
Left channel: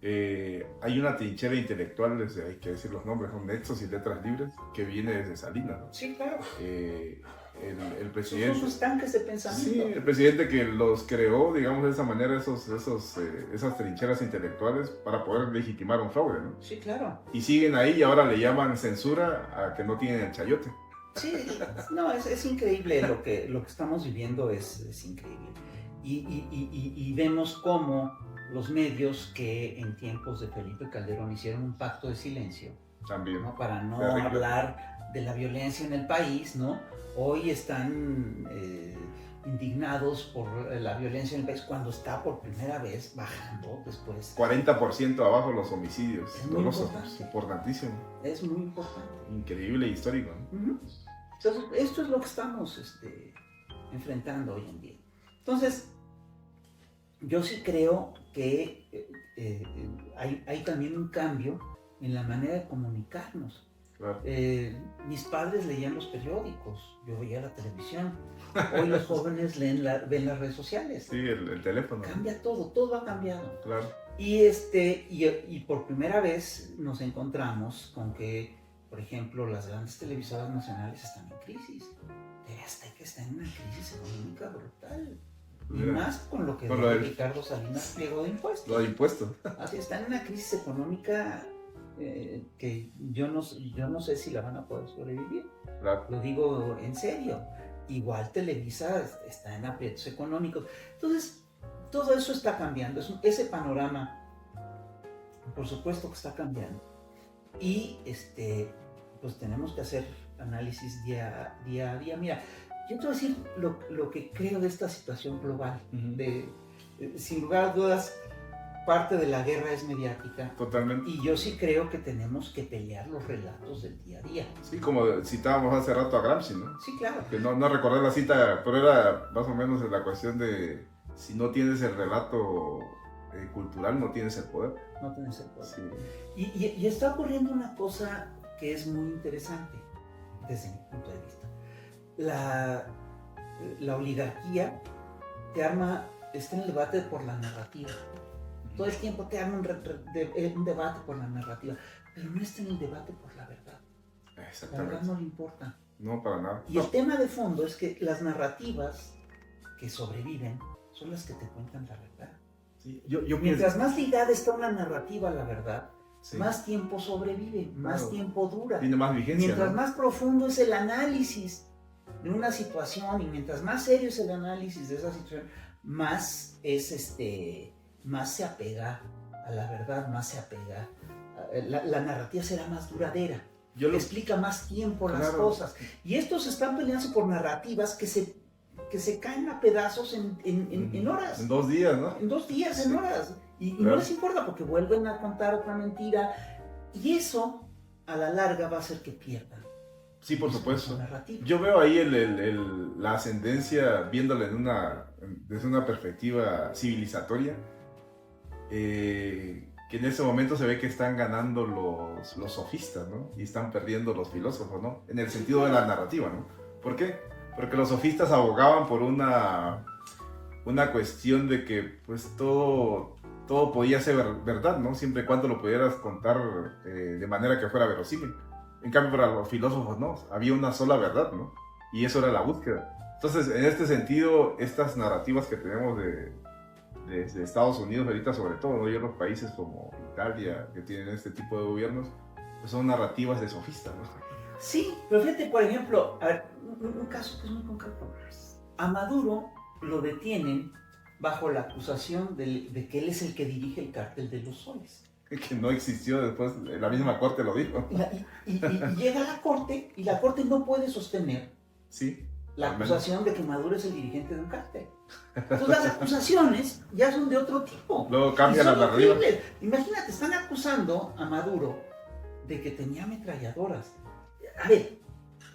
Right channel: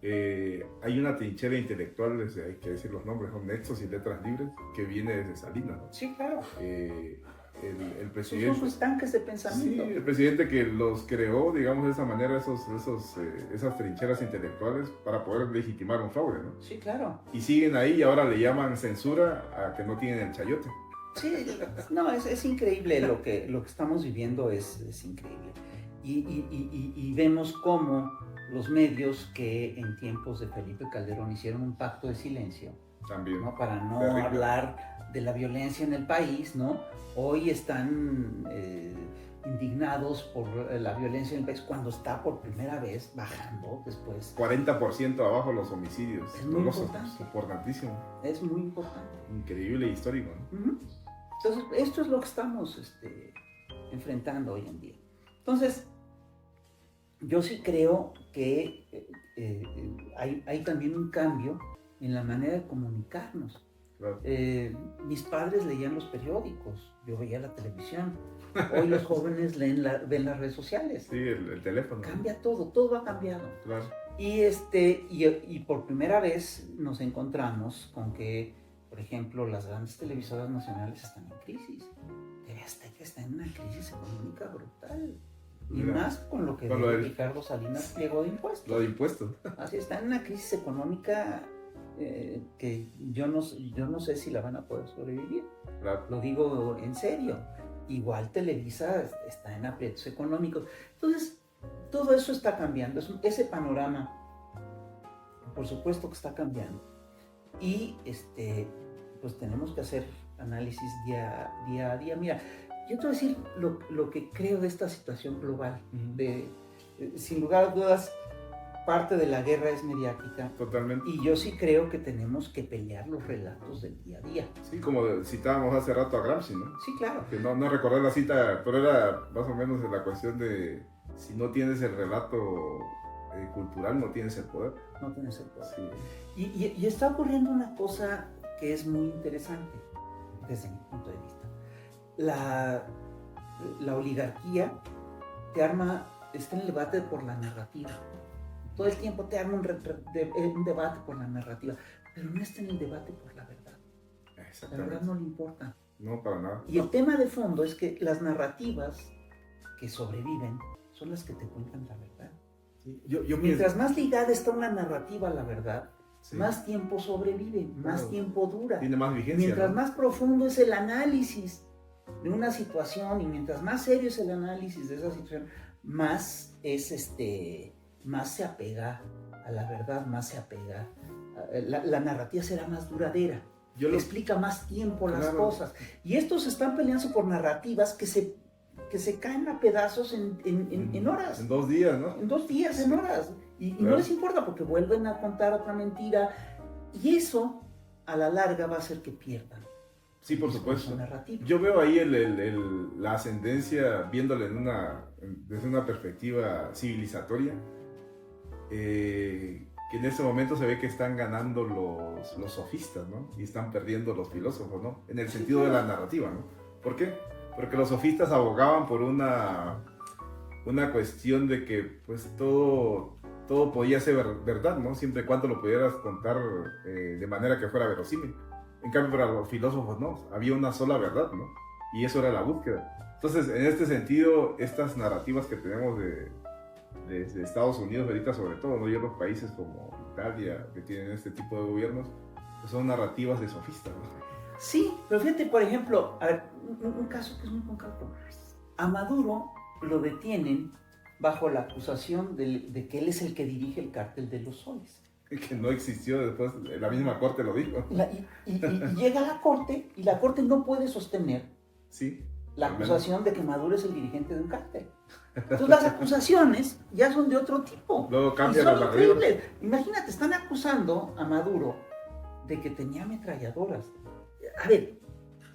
hay una trinchera intelectual, hay que decir los nombres, son Nexos y Letras Libres, que viene desde Salinas, ¿no? Sí, claro. El presidente... Son sus tanques de pensamiento. Sí, el presidente que los creó, digamos, de esa manera, esas trincheras intelectuales para poder legitimar un fraude, ¿no? Sí, claro. Y siguen ahí y ahora le llaman censura a que no tienen el chayote. Sí, no, es increíble lo que estamos viviendo, es increíble. Y vemos cómo los medios que en tiempos de Felipe Calderón hicieron un pacto de silencio, También. ¿no? Para no Terrible. hablar de la violencia en el país, ¿no? Hoy están indignados por la violencia en el país cuando está por primera vez bajando después. 40% abajo los homicidios. Es muy importante. Importantísimo. Es muy importante. Increíble e histórico, ¿no? Uh-huh. Entonces, esto es lo que estamos enfrentando hoy en día. Entonces, yo sí creo que hay también un cambio en la manera de comunicarnos. Claro. Mis padres leían los periódicos, yo veía la televisión. Hoy los jóvenes ven las redes sociales. Sí, el teléfono. Cambia todo ha cambiado. Claro. Y por primera vez nos encontramos con que, por ejemplo, las grandes televisoras nacionales están en crisis. TV Azteca está en una crisis económica brutal. Y más con lo que Ricardo Salinas Pliego de impuestos. Lo de impuestos. Así está en una crisis económica que yo no sé si la van a poder sobrevivir. Claro. Lo digo en serio. Igual Televisa está en aprietos económicos. Entonces, todo eso está cambiando. Ese panorama, por supuesto que está cambiando. Y pues tenemos que hacer análisis día a día. Mira, yo te voy a decir lo que creo de esta situación global. Sin lugar a dudas, parte de la guerra es mediática. Totalmente. Y yo sí creo que tenemos que pelear los relatos del día a día. Sí, como citábamos hace rato a Gramsci, ¿no? Sí, claro. Que no recordé la cita, pero era más o menos la cuestión de si no tienes el relato cultural, no tienes el poder. No tienes el poder. Sí. Y está ocurriendo una cosa que es muy interesante desde mi punto de vista. La oligarquía está en el debate por la narrativa. Todo el tiempo te arma un debate por la narrativa, pero no está en el debate por la verdad. La verdad no le importa. No, para nada. Y el tema de fondo es que las narrativas que sobreviven son las que te cuentan la verdad. Sí. Yo Mientras pienso... más ligada está una narrativa a la verdad, sí, más tiempo sobrevive, más tiempo dura. Tiene más vigencia. Mientras ¿no? más profundo es el análisis de una situación y mientras más serio es el análisis de esa situación, más se apega a la verdad, más se apega. La narrativa será más duradera, explica más tiempo las cosas. Y estos están peleándose por narrativas que se caen a pedazos en horas. En 2 días, ¿no? En 2 días, en horas. Y no les importa porque vuelven a contar otra mentira. Y eso, a la larga, va a hacer que pierdan. Sí, por supuesto. Narrativa. Yo veo ahí la ascendencia, viéndola desde una perspectiva civilizatoria, que en este momento se ve que están ganando los sofistas, ¿no? Y están perdiendo los filósofos, ¿no? En el sentido de la narrativa, ¿no? ¿Por qué? Porque los sofistas abogaban por una cuestión de que pues todo podía ser verdad, ¿no? Siempre y cuando lo pudieras contar de manera que fuera verosímil. En cambio, para los filósofos no, había una sola verdad, ¿no? Y eso era la búsqueda. Entonces, en este sentido, estas narrativas que tenemos de Estados Unidos ahorita, sobre todo, ¿no? Y otros países como Italia, que tienen este tipo de gobiernos, pues son narrativas de sofistas, ¿no? Sí, pero fíjate, por ejemplo, a ver, un caso que es muy concreto. A Maduro lo detienen bajo la acusación de que él es el que dirige el cártel de los soles. Que no existió después, la misma corte lo dijo. Y llega a la corte y la corte no puede sostener sí, la acusación de que Maduro es el dirigente de un cártel. Entonces las acusaciones ya son de otro tipo. Luego cambian y son las arriba. horribles. Imagínate, están acusando a Maduro de que tenía ametralladoras. A ver,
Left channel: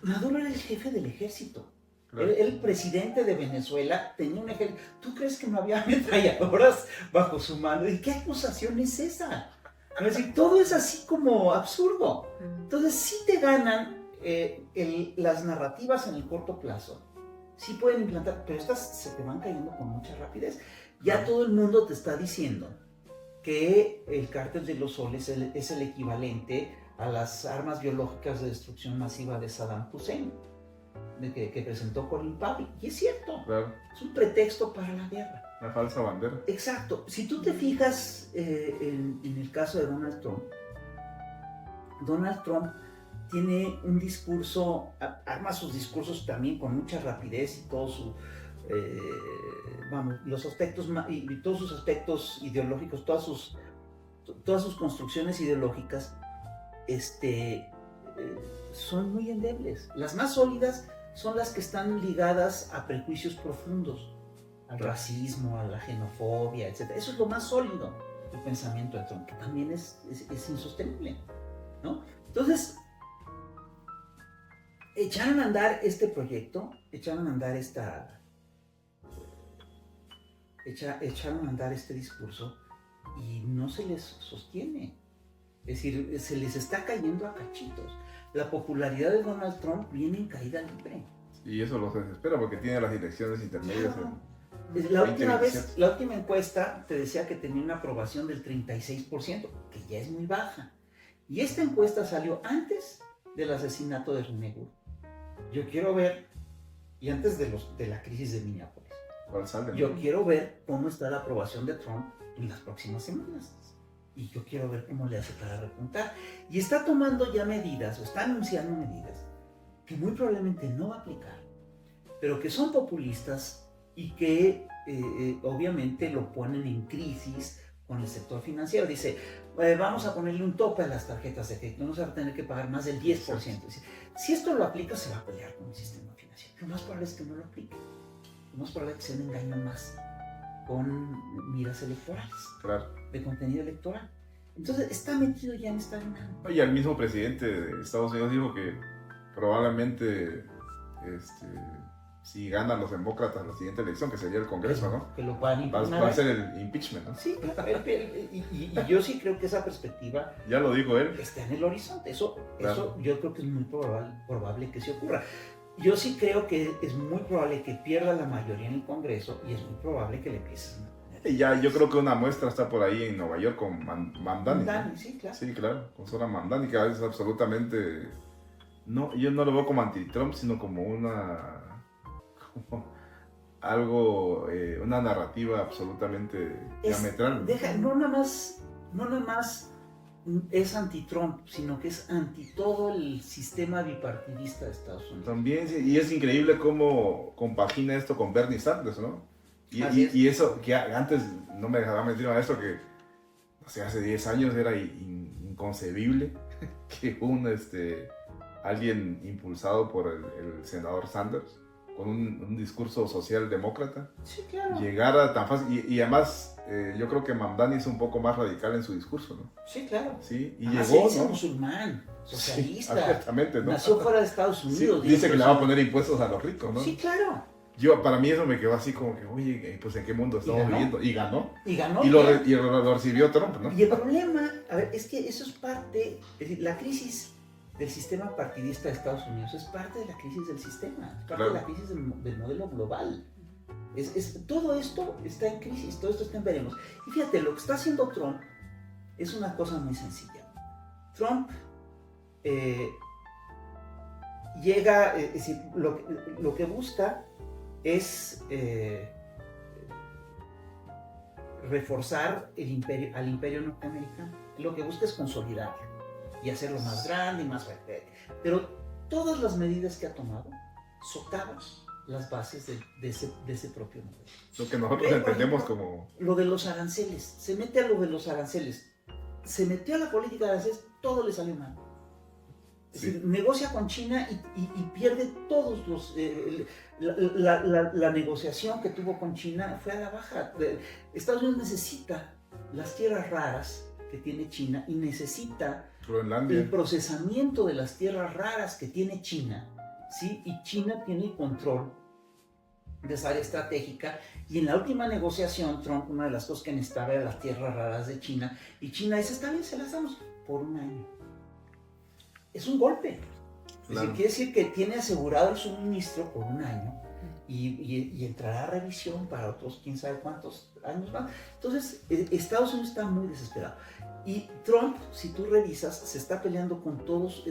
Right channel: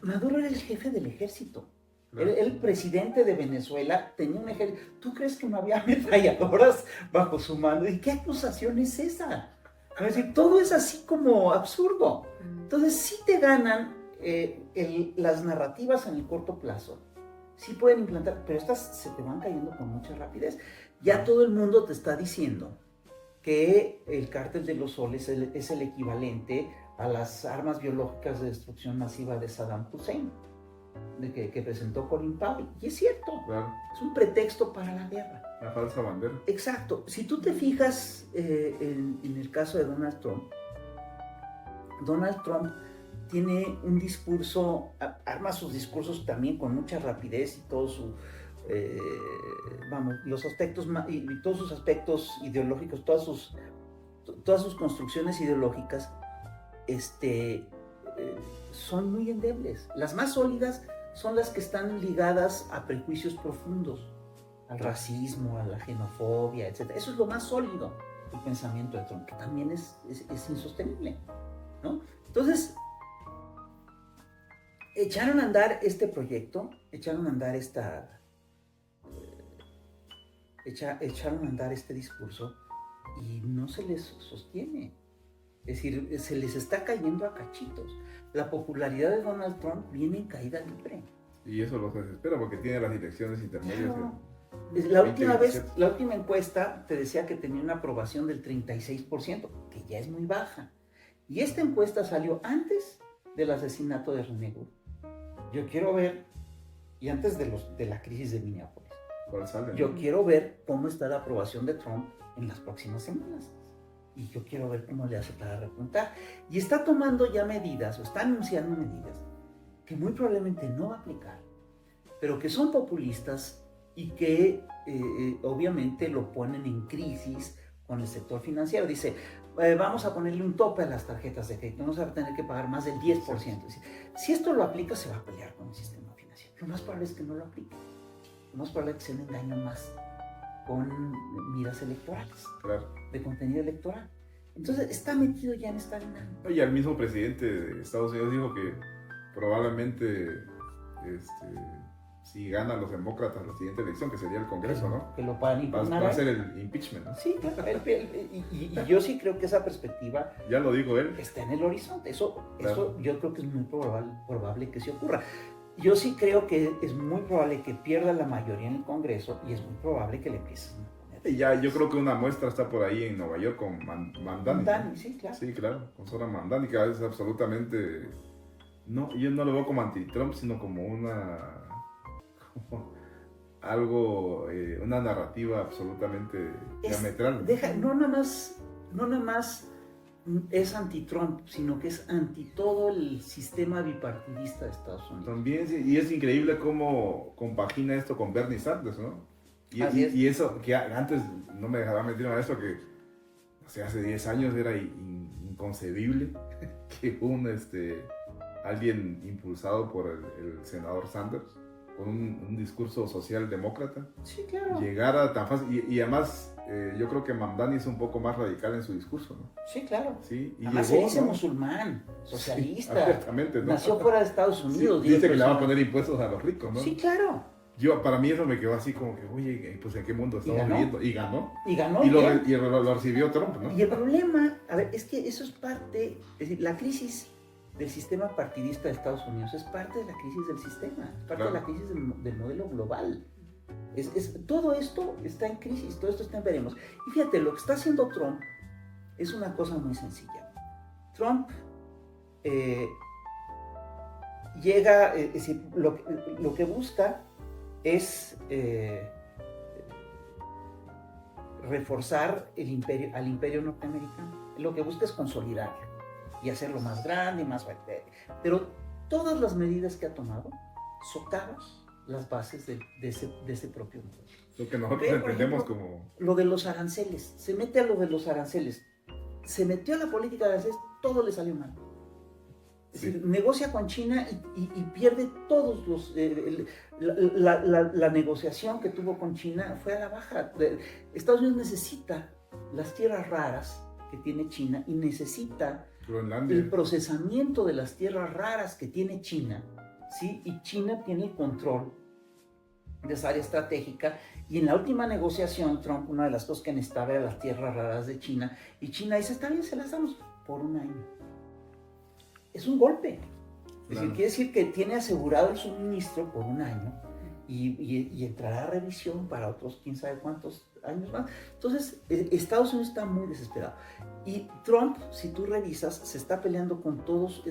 Maduro era el jefe del ejército. Claro. El presidente de Venezuela tenía un ejército. ¿Tú crees que no había ametralladoras bajo su mano? ¿Y qué acusación es esa? Es decir, todo es así como absurdo. Entonces sí te ganan las narrativas en el corto plazo. Sí pueden implantar, pero estas se te van cayendo con mucha rapidez. Ya todo el mundo te está diciendo que el cártel de los soles es el equivalente a las armas biológicas de destrucción masiva de Saddam Hussein, que presentó Colin Powell. Y es cierto, Claro, es un pretexto para la guerra. la falsa bandera. Exacto. Si tú te fijas en el caso de Donald Trump tiene un discurso, arma sus discursos también con mucha rapidez y todo su, los aspectos, y todos sus aspectos ideológicos, todas sus construcciones ideológicas, son muy endebles. Las más sólidas son las que están ligadas a prejuicios profundos, al racismo, a la xenofobia, etc. Eso es lo más sólido del pensamiento de Trump, que también es insostenible, ¿no? Entonces, echaron a andar este proyecto, echaron a andar echaron a andar este discurso y no se les sostiene. Es decir, se les está cayendo a cachitos. La popularidad de Donald Trump viene en caída libre. Y eso los desespera porque tiene las elecciones intermedias. Claro. En La última 2027. la última encuesta te decía que tenía una aprobación del 36%, que ya es muy baja. Y esta encuesta salió antes del asesinato de René Good. Yo quiero ver, y antes de la crisis de Minneapolis, ¿Cuál sale? yo quiero ver cómo está la aprobación de Trump en las próximas semanas. Y yo quiero ver cómo le hace para repuntar. Y está tomando ya medidas, o está anunciando medidas, que muy probablemente no va a aplicar, pero que son populistas y que obviamente lo ponen en crisis con el sector financiero. Dice, vamos a ponerle un tope a las tarjetas de crédito, no se va a tener que pagar más del 10%. Dice, si esto lo aplica, se va a pelear con el sistema financiero. Lo más probable es que no lo aplique. Lo más probable es que se le engañe más con miras electorales, Claro. de contenido electoral. Entonces está metido ya en esta dinámica. Y el mismo presidente de Estados Unidos dijo que probablemente si ganan los demócratas la siguiente elección, que sería el Congreso, ¿no? Que lo puedan Va impugnar. a ser el impeachment, ¿no? Sí, claro. Y yo sí creo que esa perspectiva Ya lo dijo él. está en el horizonte. Eso yo creo que es muy probable que se ocurra. Yo sí creo que es muy probable que pierda la mayoría en el Congreso y es muy probable que le empiecen a poner. Y ya, yo creo que una muestra está por ahí en Nueva York con Mamdani. Mamdani, sí, claro. Sí, claro, con Zoran Mamdani, que es absolutamente... No, yo no lo veo como anti-Trump, sino como una narrativa absolutamente diametral. No nada más es anti-Trump, sino que es anti todo el sistema bipartidista de Estados Unidos. También, y es increíble cómo compagina esto con Bernie Sanders, ¿no? Y eso, que antes no me dejaba mentir a esto, que hace 10 años era inconcebible que alguien impulsado por el senador Sanders, con un discurso socialdemócrata, sí, claro, llegara tan fácil. Y además, yo creo que Mamdani es un poco más radical en su discurso, ¿no? Sí, claro. Sí, y además llegó, se dice ¿no? musulmán, socialista, sí, exactamente, ¿no? nació fuera de Estados Unidos. Sí, dice que le va a poner impuestos a los ricos, ¿no? Sí, claro. Para mí eso me quedó así como que, oye, pues ¿en qué mundo estamos viviendo? Y ganó. Y ganó. Y lo recibió Trump, ¿no? Y el problema, a ver, es que eso es parte, es decir, la crisis del sistema partidista de Estados Unidos es parte de la crisis del sistema, es parte de la crisis del modelo global. Todo esto está en crisis, todo esto está en veremos. Y fíjate, lo que está haciendo Trump es una cosa muy sencilla. Trump llega, es decir, lo que busca es reforzar al imperio norteamericano. Lo que busca es consolidarlo y hacerlo más grande y más fuerte. Pero todas las medidas que ha tomado socavan las bases de ese propio modelo. Lo que nosotros entendemos como... Lo de los aranceles. Se mete a lo de los aranceles. Se metió a la política de aranceles, todo le salió mal. Es Sí. decir, negocia con China y pierde todos los... la negociación que tuvo con China fue a la baja. Estados Unidos necesita las tierras raras que tiene China y necesita Groenlandia. el procesamiento de las tierras raras que tiene China, ¿sí? Y China tiene control de esa área estratégica. Y en la última negociación, Trump, una de las cosas que necesitaba era las tierras raras de China. Y China dice, está bien, se las damos por un año. Es un golpe. Es decir, Claro. quiere decir que tiene asegurado el suministro por un año y entrará a revisión para otros quién sabe cuántos años más. Entonces, Estados Unidos está muy desesperado. Y Trump, si tú revisas, se está peleando con todos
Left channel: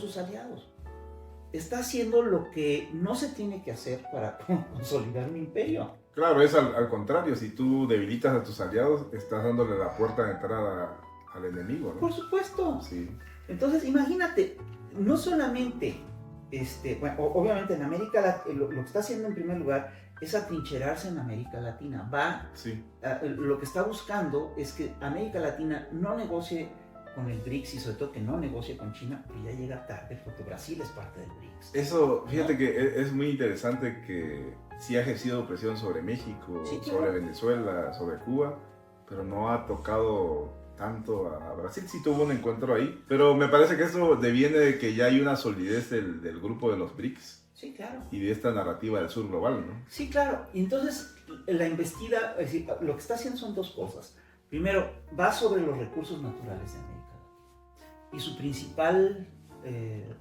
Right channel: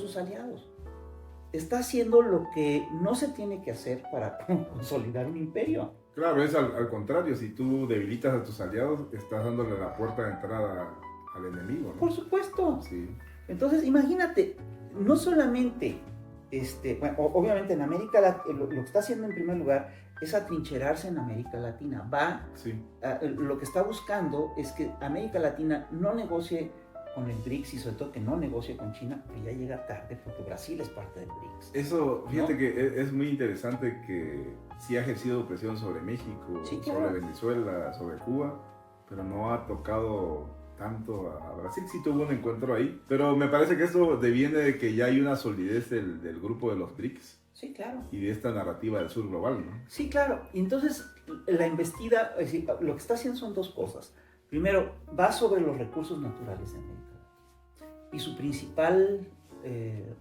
sus aliados. Está haciendo lo que no se tiene que hacer para consolidar un imperio. Claro, es al contrario, si tú debilitas a tus aliados, estás dándole la puerta de entrada al enemigo, ¿no? Por supuesto. Sí, Entonces, imagínate, no solamente, bueno, obviamente en América Latina, lo que está haciendo en primer lugar es atrincherarse en América Latina. sí, Lo que está buscando es que América Latina no negocie con el BRICS y sobre todo que no negocie con China, que ya llega tarde porque Brasil es parte del BRICS. eso, fíjate ¿No? que es muy interesante que sí ha ejercido presión sobre México, Sí, sobre claro. Venezuela, sobre Cuba, pero no ha tocado tanto a Brasil. Sí tuvo un encuentro ahí, pero me parece que eso deviene de que ya hay una solidez del grupo de los BRICS Sí, claro. y de esta narrativa del sur global, ¿no? Sí, claro. Y entonces la investida, es decir, lo que está haciendo son dos cosas. Primero, va sobre los recursos naturales de América Latina. Y su principal...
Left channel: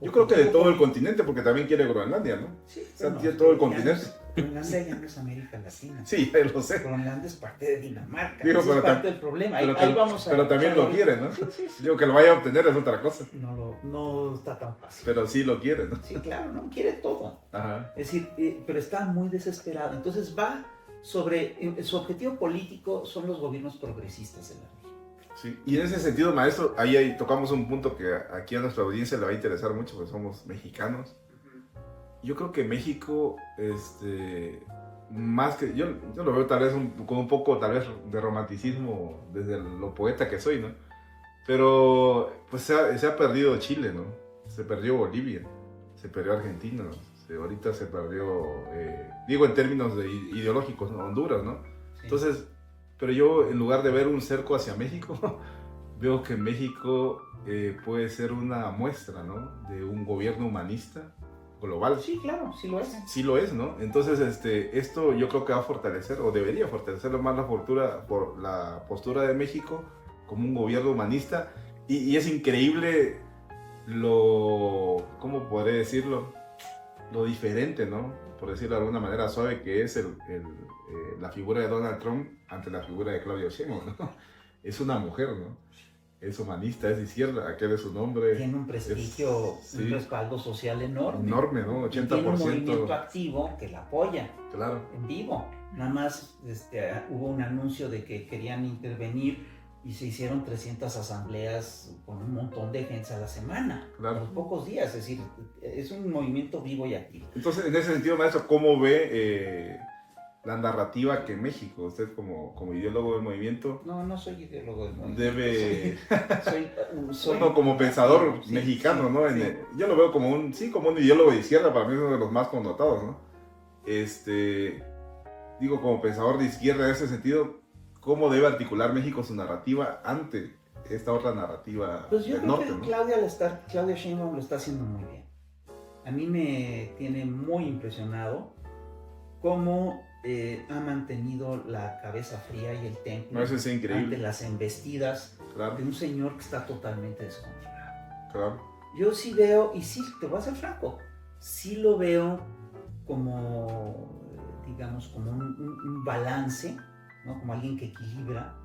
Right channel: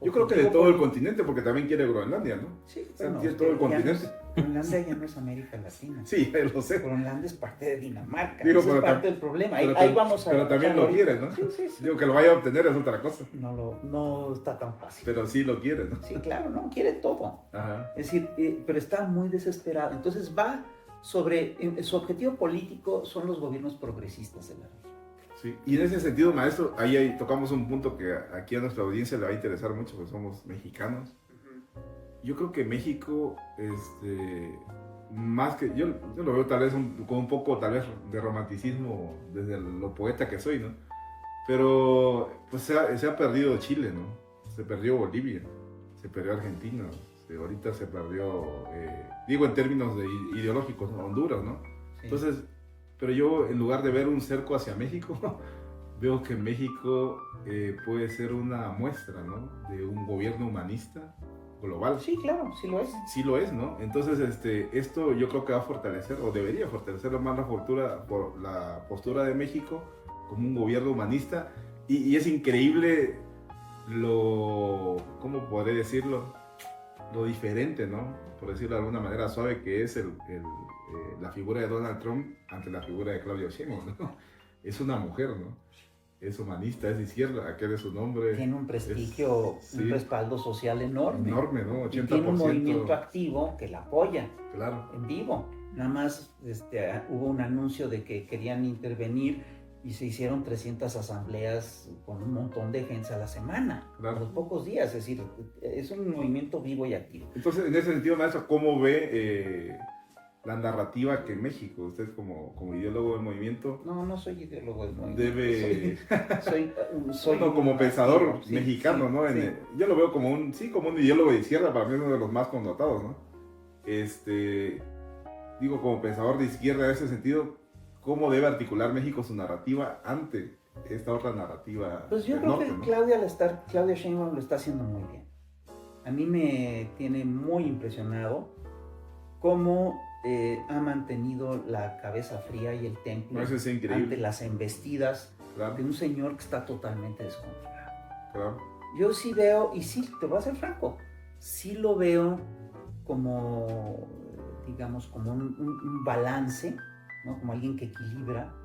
Yo creo que de objetivo todo el político- continente, porque también quiere Groenlandia, ¿no? Sí, O sea, bueno, tiene todo el ya no continente. es- Groenlandia ya no es América Latina. Sí, lo sé. Groenlandia es parte de Dinamarca. Digo, Ese es pero parte del problema. Ahí, pero ahí vamos a... pero también lo quiere, ¿no? Sí, sí, sí. Digo, que lo vaya a obtener es otra cosa, No está tan fácil. pero sí lo quiere, ¿no? Sí, claro, no, quiere todo. Ajá. Es decir, pero está muy desesperado. Entonces va sobre... su objetivo político son los gobiernos progresistas de la región. Sí. Y en ese sentido, maestro, ahí tocamos un punto que aquí a nuestra audiencia le va a interesar mucho, porque somos mexicanos. Yo creo que México, más que, yo lo veo tal vez con un poco tal vez de romanticismo desde lo poeta que soy, ¿no? Pero pues se ha perdido Chile, ¿no? Se perdió Bolivia, se perdió Argentina, ahorita se perdió, digo en términos ideológicos, ¿no? Honduras, ¿no? Sí. Entonces, pero yo en lugar de ver un cerco hacia México, veo que México puede ser una muestra, ¿no? De un gobierno humanista global. Sí, claro, sí lo es. Sí lo es, ¿no? Entonces, esto yo creo que va a fortalecer, o debería fortalecer más la postura de México como un gobierno humanista. Y es increíble ¿cómo podré decirlo? Lo diferente, ¿no? Por decirlo de alguna manera suave, que es la figura de Donald Trump ante la figura de Claudia Sheinbaum, ¿no? Es una mujer, ¿no? Es humanista, es de izquierda, aquel es su nombre. Tiene un prestigio, sí. un respaldo social enorme. Enorme, ¿no? 80%. Y tiene un movimiento activo que la apoya Claro. en vivo. Nada más hubo un anuncio de que querían intervenir y se hicieron 300 asambleas con un montón de gente a la semana, Claro. a los pocos días. Es decir, es un movimiento vivo y activo. Entonces, en ese sentido, maestro, ¿cómo ve la narrativa que México, usted como ideólogo del movimiento, No soy ideólogo del movimiento. debe, Soy uno como pensador sí, mexicano, sí, ¿no? sí. Yo lo veo como un ideólogo de izquierda, para mí es uno de los más connotados, ¿no? Digo, como pensador de izquierda en ese sentido, ¿cómo debe articular México su narrativa ante esta otra narrativa Pues yo del creo norte, que ¿no? Claudia Sheinbaum lo está haciendo muy bien. A mí me tiene muy impresionado cómo ha mantenido la cabeza fría y el temple No, eso es ante increíble. las embestidas Claro, de un señor que está totalmente descontrolado. claro. Yo sí veo, y sí, te voy a ser franco, sí lo veo como, digamos, como un balance, ¿no? Como alguien que equilibra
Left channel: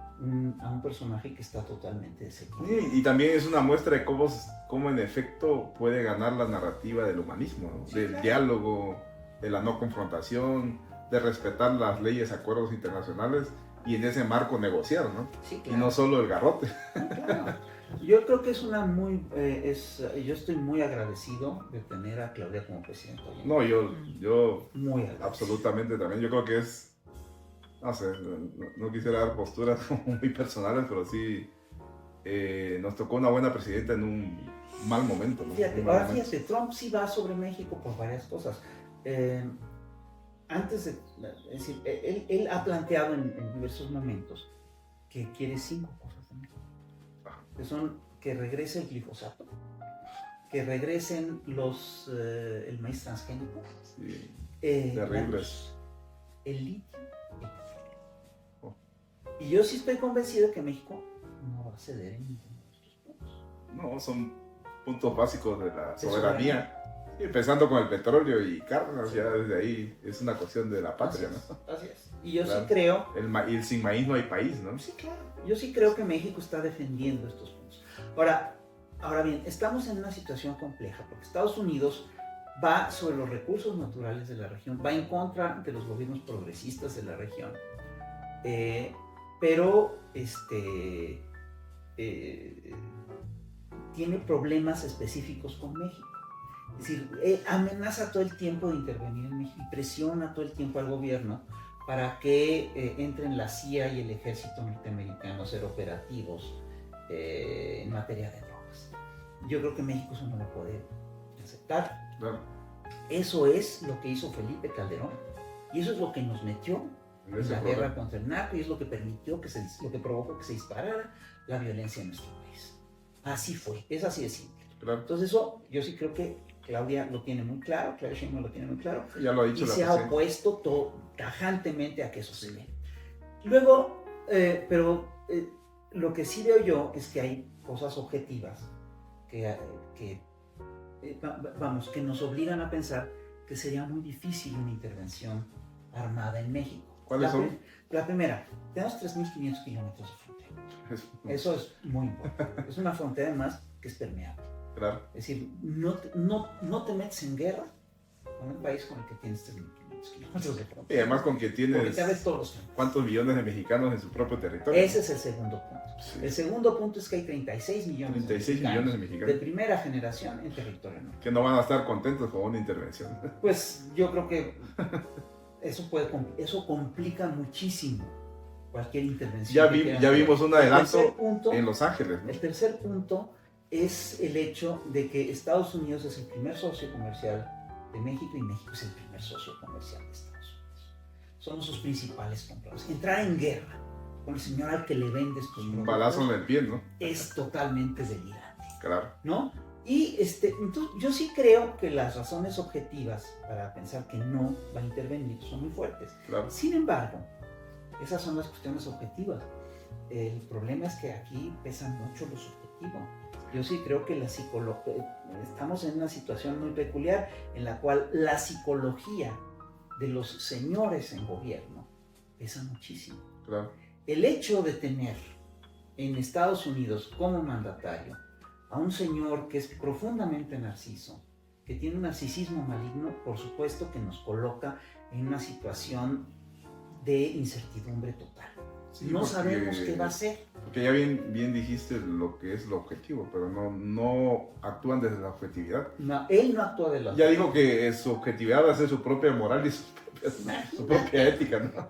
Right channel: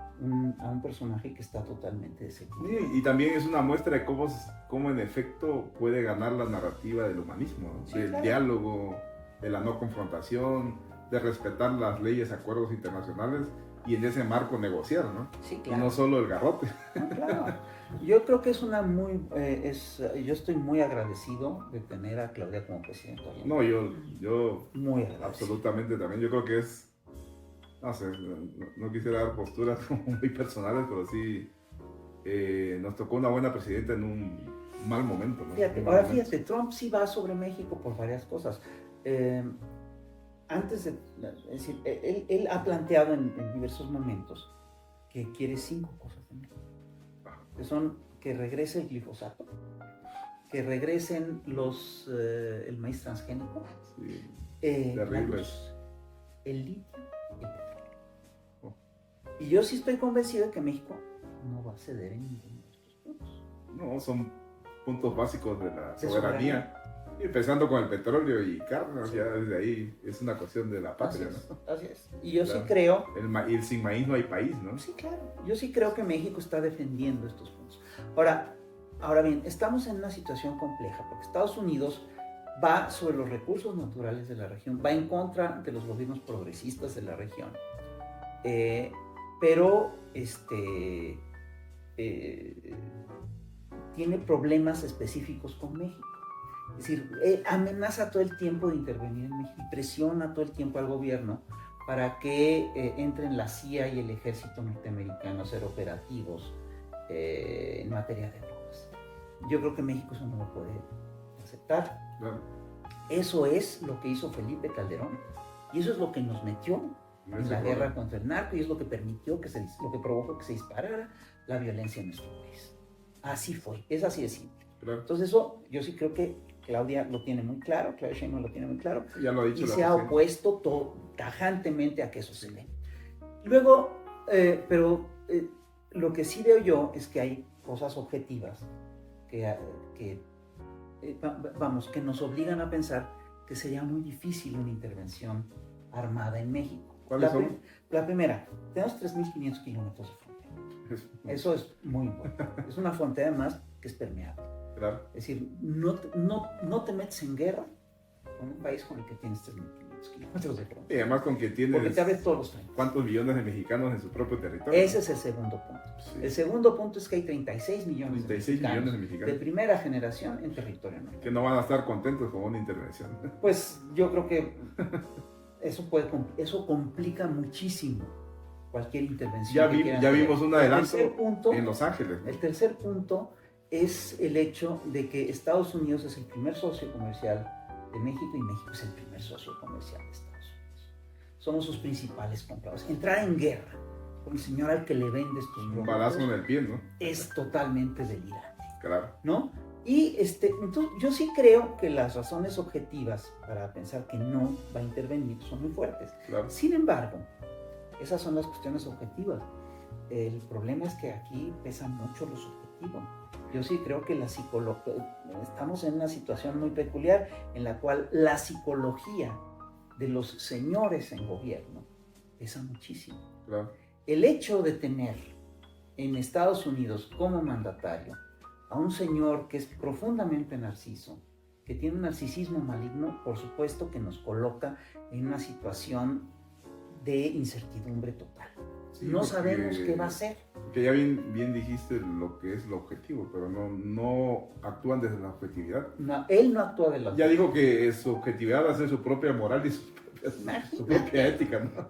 a un personaje que está totalmente desequilibrado. Y también es una muestra de cómo en efecto puede ganar la narrativa del humanismo, ¿no? Sí, Del claro. diálogo, de la no confrontación, de respetar las leyes, acuerdos internacionales y en ese marco negociar, ¿no? Sí, Y claro. no solo el garrote. No, claro. Yo creo que es yo estoy muy agradecido de tener a Claudia como presidenta. No, yo Muy agradecido. absolutamente también. Yo creo que no sé, no quisiera dar posturas como muy personales, pero sí nos tocó una buena presidenta en mal momento, ¿no? Fíjate, Un mal ahora momento. fíjate, Trump sí va sobre México por varias cosas. Antes de, es decir, él ha planteado en diversos momentos que quiere 5 cosas de México, que son que regrese el glifosato, que regresen el maíz transgénico, Sí, la terrible. luz, el litio y el petróleo. Oh. Y yo sí estoy convencido de que México no va a ceder en ninguno de estos puntos. No, son puntos básicos de la De soberanía. Y empezando con el petróleo y carnes, ya desde ahí es una cuestión de la patria, ¿no? Así es. Y yo Claro. sí creo, Y sin maíz no hay país, ¿no? sí, claro, yo sí creo que México está defendiendo estos puntos. Ahora bien, estamos en una situación compleja porque Estados Unidos va sobre los recursos naturales de la región, va en contra de los gobiernos progresistas de la región, pero tiene problemas específicos con México. Es decir, amenaza todo el tiempo de intervenir en México y presiona todo el tiempo al gobierno para que entren la CIA y el ejército norteamericano a ser operativos en materia de drogas. Yo creo que México eso no lo puede aceptar. No, Eso es lo que hizo Felipe Calderón y eso es lo que nos metió no en se la puede. guerra contra el narco y es lo que permitió lo que provocó que se disparara la violencia en nuestro país. Así fue, es así de simple. Claro. Entonces eso yo sí creo que Claudia lo tiene muy claro, Claudia Sheinbaum lo tiene muy claro Ya lo ha dicho y la se ha presidenta. opuesto tajantemente a que eso se dé. Luego, lo que sí veo yo es que hay cosas objetivas que nos obligan a pensar que sería muy difícil una intervención armada en México. ¿Cuáles son? La primera, tenemos 3.500 kilómetros de frontera. Eso es muy importante. Es una frontera además que es permeable. Claro. Es decir, no te metes en guerra con un país con el que tienes 3.500 kilómetros de Y frontera. además con que Porque tienes te abre todos los campos. cuántos millones de mexicanos en su propio territorio. Ese es el segundo punto. Sí. El segundo punto es que hay 36 millones 36 de millones de mexicanos mexicanos de primera generación en territorio nuestro. que no van a estar contentos con una intervención. Pues yo creo que eso complica muchísimo cualquier intervención. Ya vimos un adelanto El tercer punto, en Los Ángeles, ¿no? el tercer punto es el hecho de que Estados Unidos es el primer socio comercial de México y México es el primer socio comercial de Estados Unidos. Somos sus principales compradores. Entrar en guerra con el señor al que le vendes tus Un productos balazo en el pie, ¿no? es totalmente delirante, Claro. ¿no? Y entonces yo sí creo que las razones objetivas para pensar que no va a intervenir son muy fuertes. Claro. Sin embargo, esas son las cuestiones objetivas. El problema es que aquí pesan mucho los objetivos. Yo sí creo que estamos en una situación muy peculiar en la cual la psicología de los señores en gobierno pesa muchísimo. Claro. El hecho de tener en Estados Unidos como mandatario a un señor que es profundamente narciso, que tiene un narcisismo maligno, por supuesto que nos coloca en una situación de incertidumbre total. Sí, No porque- sabemos qué va a hacer. Porque ya bien dijiste lo que es el objetivo, pero no actúan desde la objetividad. No, él no actúa de la Ya dijo que su objetividad va a ser su propia moral y su Imagínate. propia ética, ¿no?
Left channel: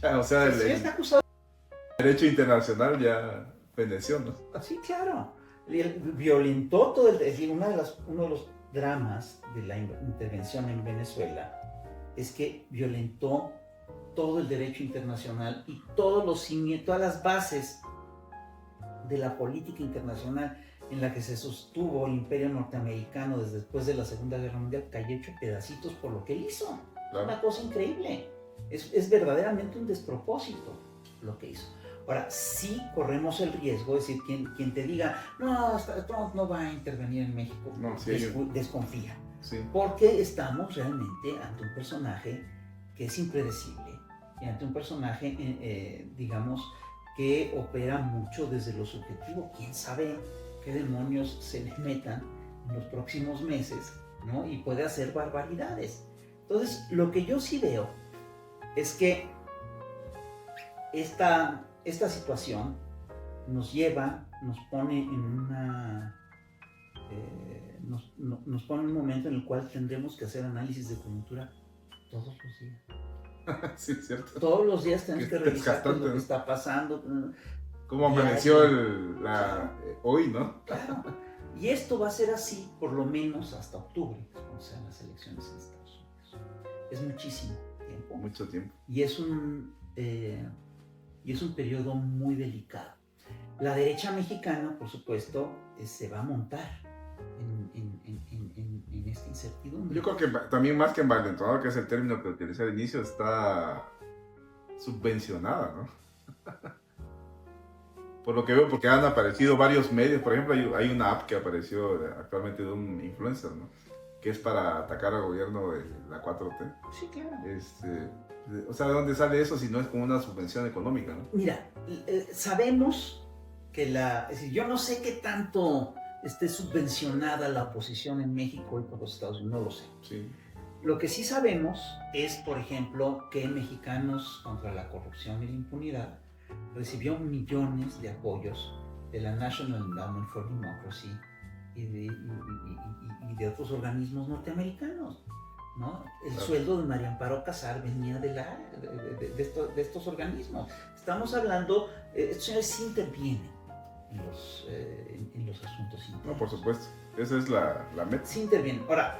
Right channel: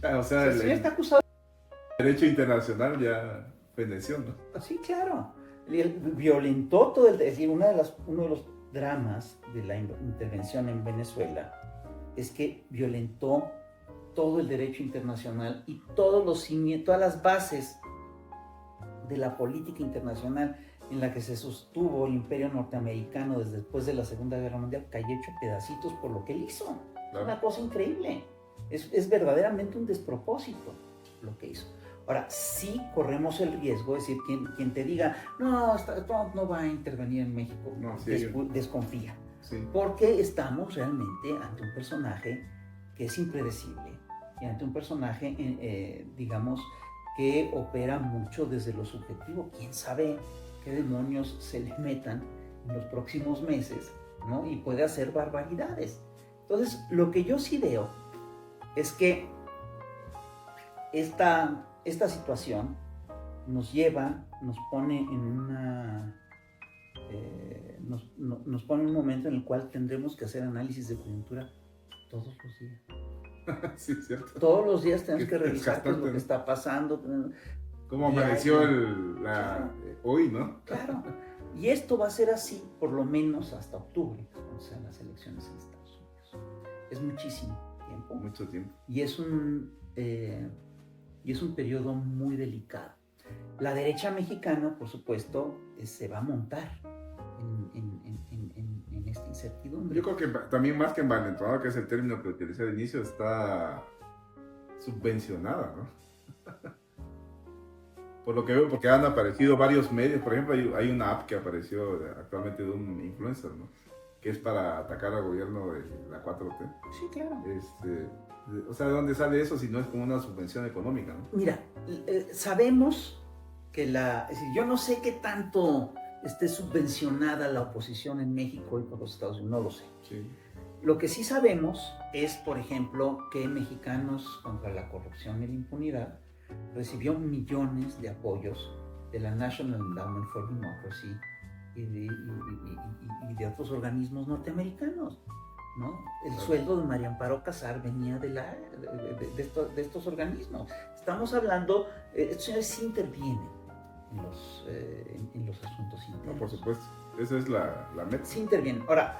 Ya, o sea, Sí, el está acusado. derecho internacional ya feneció, ¿no? Sí, claro. Él violentó todo es decir, uno de los dramas de la intervención en Venezuela es que violentó todo el derecho internacional y todas las bases de la política internacional en la que se sostuvo el imperio norteamericano desde después de la Segunda Guerra Mundial cayó hecho pedacitos por lo que él hizo. Claro. Una cosa increíble. Es verdaderamente un despropósito lo que hizo. Ahora, sí corremos el riesgo, es decir, quien te diga, no, Trump no va a intervenir en México, No, sí. desconfía. Sí. Porque estamos realmente ante un personaje que es impredecible y ante un personaje, digamos, que opera mucho desde lo subjetivo. ¿Quién sabe qué demonios se le metan en los próximos meses, ¿no? Y puede hacer barbaridades. Entonces, lo que yo sí veo es que esta situación nos pone en una... nos pone en un momento en el cual tendremos que hacer análisis de coyuntura todos los días. Sí, cierto. Todos los días tenemos que revisar qué es lo desgastante, que ¿no? está pasando. ¿Cómo amaneció hoy, no? Claro. Y esto va a ser así por lo menos hasta octubre, cuando sean las elecciones en Estados Unidos. Es muchísimo tiempo. Mucho tiempo. Y es un periodo muy delicado. La derecha mexicana, por supuesto, se va a montar en esta incertidumbre. Yo creo que también más que envalentonada, que es el término que utilicé al inicio, está subvencionada, ¿no? Por lo que veo, porque han aparecido varios medios. Por ejemplo, hay una app que apareció actualmente de un influencer, ¿no? Que es para atacar al gobierno de la 4T. Sí, claro. O sea, ¿de dónde sale eso si no es como una subvención económica, ¿no? Mira, sabemos que es decir, yo no sé qué tanto esté subvencionada la oposición en México y por los Estados Unidos, no lo sé. Sí. Lo que sí sabemos es, por ejemplo, que Mexicanos contra la Corrupción y la Impunidad recibió millones de apoyos de la National Endowment for Democracy y de otros organismos norteamericanos, ¿no? El sueldo de María Amparo Casar venía de estos organismos. Estamos hablando, estos señores sí intervienen en los asuntos internos. No, por supuesto. Esa es la meta. Sí intervienen. Ahora,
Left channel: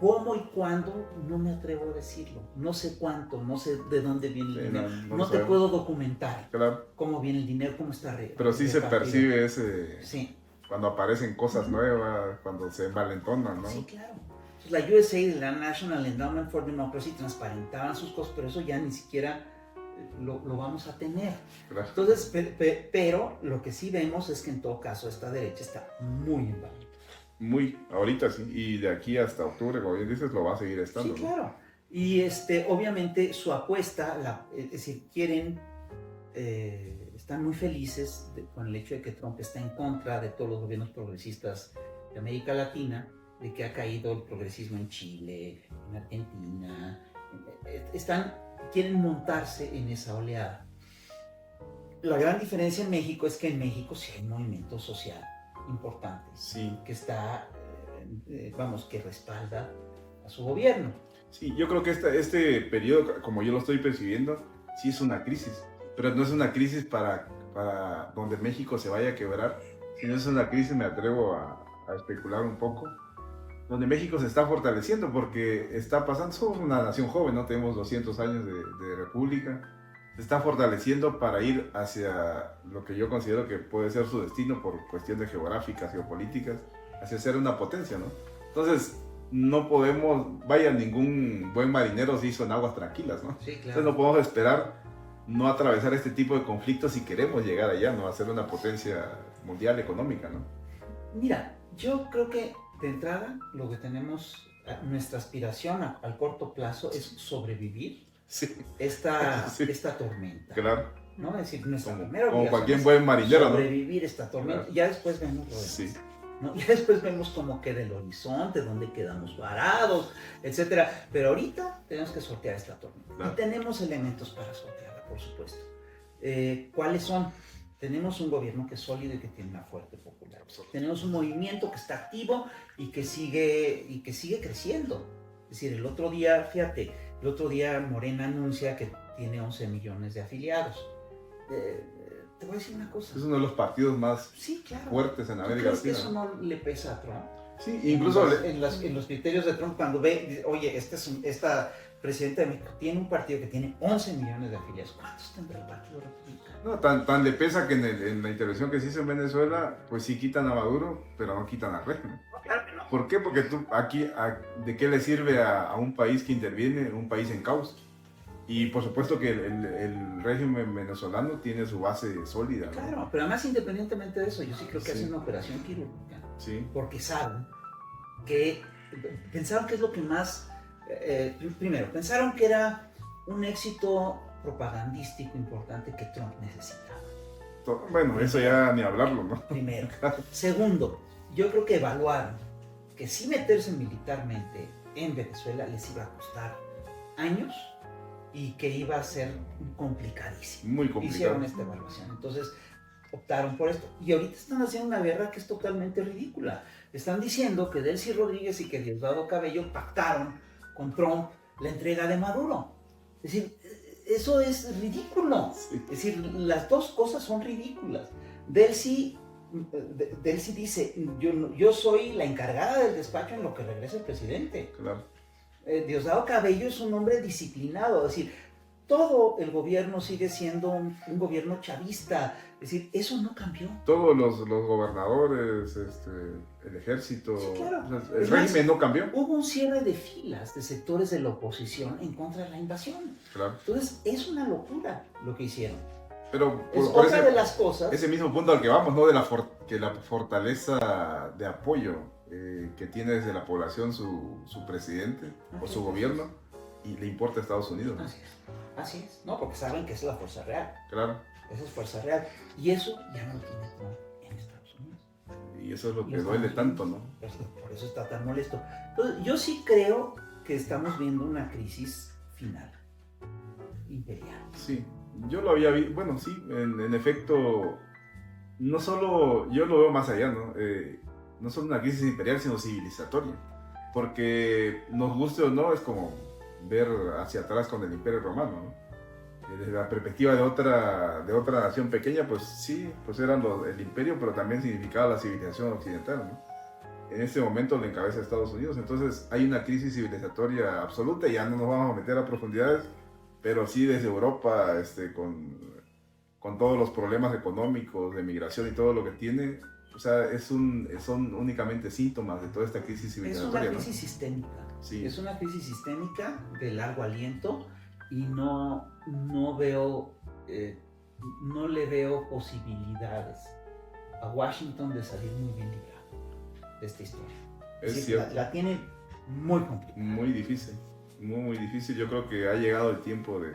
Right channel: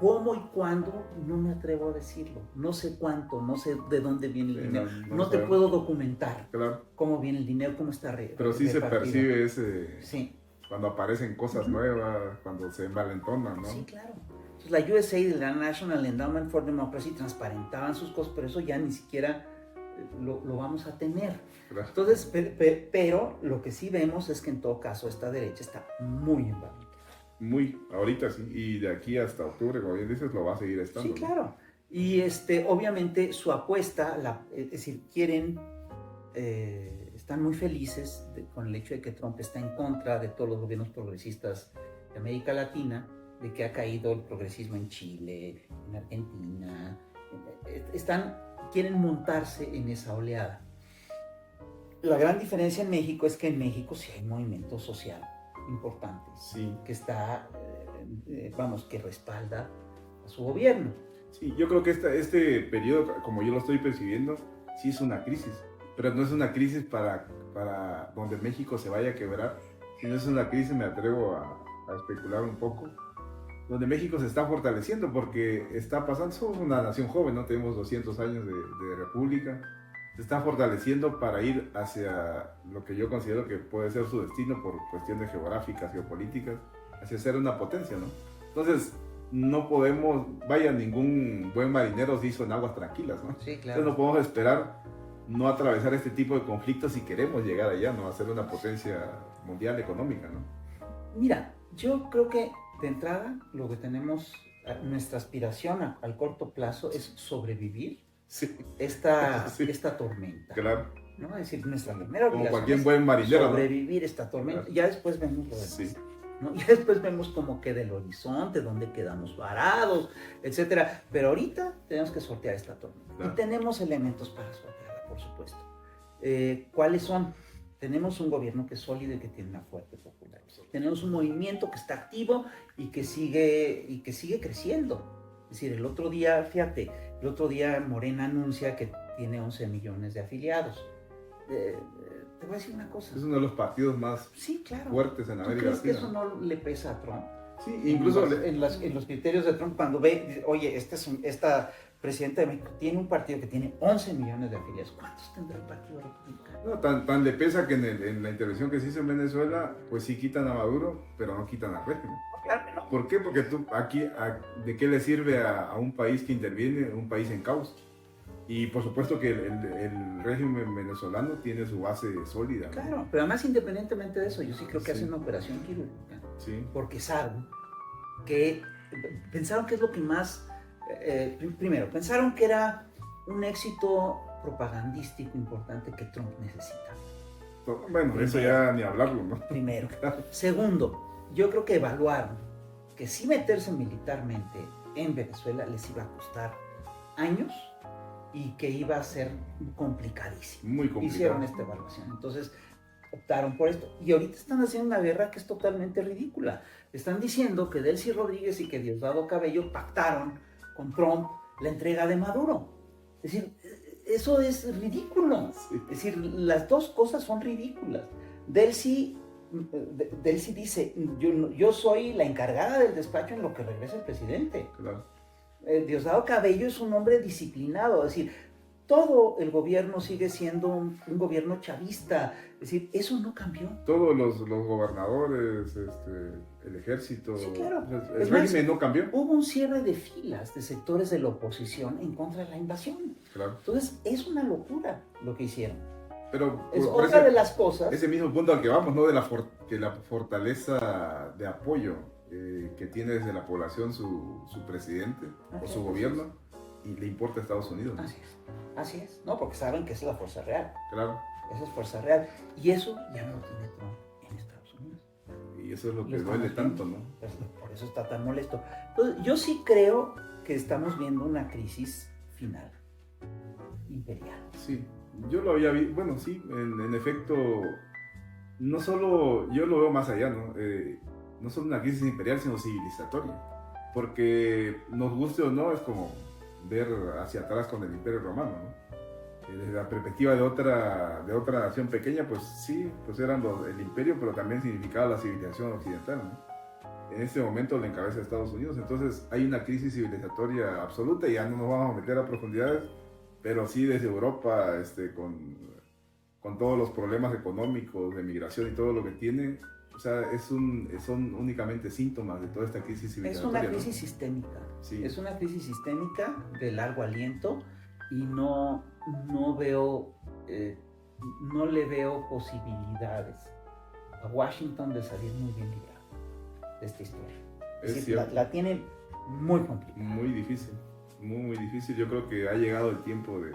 ¿cómo y cuándo? No me atrevo a decirlo. No sé cuánto, no sé de dónde viene el dinero. No te puedo documentar cómo viene el dinero, cómo está Pero sí se percibe ese... Sí. Cuando aparecen cosas nuevas, cuando se envalentonan, ¿no? Sí, claro. Entonces, la USA y la National Endowment for Democracy transparentaban sus cosas, pero eso ya ni siquiera lo vamos a tener. Claro. Entonces, pero lo que sí vemos es que en todo caso esta derecha está muy envalentonada. Ahorita sí, y de aquí hasta octubre, como bien dices, lo va a seguir estando. Sí, claro. ¿No? Y obviamente su apuesta, es decir, están muy felices con el hecho de que Trump está en contra de todos los gobiernos progresistas de América Latina, de que ha caído el progresismo en Chile, en Argentina. Quieren montarse en esa oleada. La gran diferencia en México es que en México sí hay un movimiento social importante, sí, que está, que respalda a su gobierno. Sí, yo creo que este periodo, como yo lo estoy percibiendo, sí es una crisis, pero no es una crisis para donde México se vaya a quebrar, sino es una crisis, me atrevo a especular un poco, donde México se está fortaleciendo porque está pasando, somos una nación joven, ¿no? Tenemos 200 años de república, se está fortaleciendo para ir hacia lo que yo considero que puede ser su destino por cuestiones geográficas, geopolíticas, hacia ser una potencia, ¿no? Entonces, no podemos, ningún buen marinero se hizo en aguas tranquilas, ¿no? Sí, claro. Entonces no podemos esperar no atravesar este tipo de conflictos si queremos llegar allá, ¿no? A ser una potencia mundial económica, ¿no? Mira, yo creo que de entrada lo que tenemos, nuestra aspiración al corto plazo es sobrevivir esta tormenta. Claro. ¿No? Es decir, nuestra primera como cualquier buen marinero, sobrevivir esta tormenta. Claro. Ya después vemos lo demás. Sí. ¿No? Y después vemos cómo queda el horizonte, dónde quedamos varados, etc. Pero ahorita tenemos que sortear esta tormenta. Claro. Y tenemos elementos para sortearla, por supuesto. ¿Cuáles son? Tenemos un gobierno que es sólido y que tiene una fuerte popularidad. Tenemos un movimiento que está activo y que sigue creciendo. Es decir, el otro día Morena anuncia que tiene 11 millones de afiliados. Te voy a decir una cosa. Es uno de los partidos más fuertes en América Latina. ¿Crees que eso no le pesa a Trump? Sí, incluso en los criterios de Trump, cuando ve, oye, esta presidenta de México tiene un partido que tiene 11 millones de afiliados. ¿Cuántos tendrá el Partido Republicano? No, tan le pesa que en la intervención que se hizo en Venezuela, pues sí quitan a Maduro, pero no quitan al régimen. Claro que no. ¿Por qué? Porque ¿de qué le sirve a un país que interviene, un país en caos? Y por supuesto que el régimen venezolano tiene su base sólida, ¿no? Claro, pero además independientemente de eso, yo sí creo que hacen una operación quirúrgica. Sí. Porque saben que pensaron que es lo que más... primero, pensaron que era un éxito propagandístico importante que Trump necesitaba. Bueno, eso ya ni hablarlo, ¿no? Primero. Segundo, yo creo que evaluaron que si meterse militarmente en Venezuela les iba a costar años y que iba a ser complicadísimo. Muy complicado. Hicieron esta evaluación. Entonces optaron por esto. Y ahorita están haciendo una guerra que es totalmente ridícula. Están diciendo que Delcy Rodríguez y que Diosdado Cabello pactaron con Trump la entrega de Maduro. Es decir, eso es ridículo. Sí. Es decir, las dos cosas son ridículas. Delcy Delcy dice, yo soy la encargada del despacho en lo que regresa el presidente. Claro. Diosdado Cabello es un hombre disciplinado, es decir, todo el gobierno sigue siendo un gobierno chavista, es decir, eso no cambió. Todos los gobernadores, el ejército, Sí, claro. el régimen no cambió. Hubo un cierre de filas de sectores de la oposición en contra de la invasión. Claro. Entonces, es una locura lo que hicieron. Pero Es otra de las cosas. Ese mismo punto al que vamos, ¿no? De que la fortaleza de apoyo que tiene desde la población su presidente o su gobierno y le importa a Estados Unidos, ¿no? Así es, ¿no? Porque saben que esa es la fuerza real. Claro. Esa es fuerza real. Y eso ya no lo tiene Trump en Estados Unidos. Y eso es lo que duele tanto, ¿no? Por eso está tan molesto. Entonces, yo sí creo que estamos viendo una crisis final, imperial. Sí, yo lo había visto, bueno, sí, en efecto, no solo, yo lo veo más allá, ¿no? No solo una crisis imperial, sino civilizatoria. Porque nos guste o no, es como ver hacia atrás con el Imperio Romano, ¿no? Desde la perspectiva de otra nación pequeña, pues sí, pues eran el imperio, pero también significaba la civilización occidental, ¿no? En este momento lo encabeza Estados Unidos, entonces hay una crisis civilizatoria absoluta, y ya no nos vamos a meter a profundidades, pero sí desde Europa, con todos los problemas económicos, de migración y todo lo que tiene, o sea, son únicamente síntomas de toda esta crisis civilizatoria. Es una crisis sistémica. Sí. Es una crisis sistémica de largo aliento y no le veo posibilidades a Washington de salir muy bien librado de esta historia. Es cierto. La tiene muy complicada. Muy difícil, muy difícil. Yo creo que ha llegado el tiempo de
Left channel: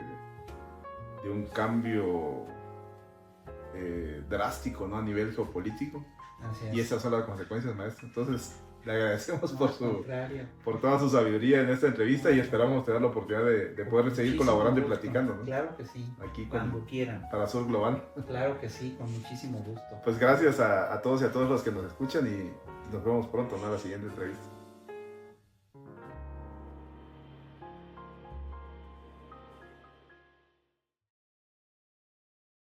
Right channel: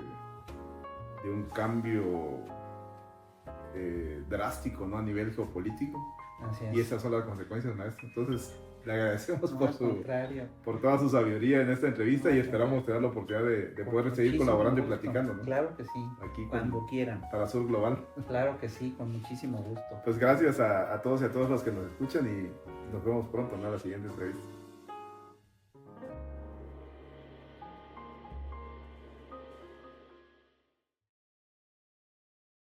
un cambio drástico, ¿no? A nivel geopolítico. Y esas son las consecuencias, maestro. Entonces, le agradecemos por toda su sabiduría en esta entrevista y esperamos tener la oportunidad de poder seguir colaborando y platicando, ¿no? Claro que sí, aquí cuando quieran. Para Sur Global. Claro que sí, con muchísimo gusto. Pues gracias a todos y a todas los que nos escuchan y nos vemos pronto, ¿no? En la siguiente entrevista.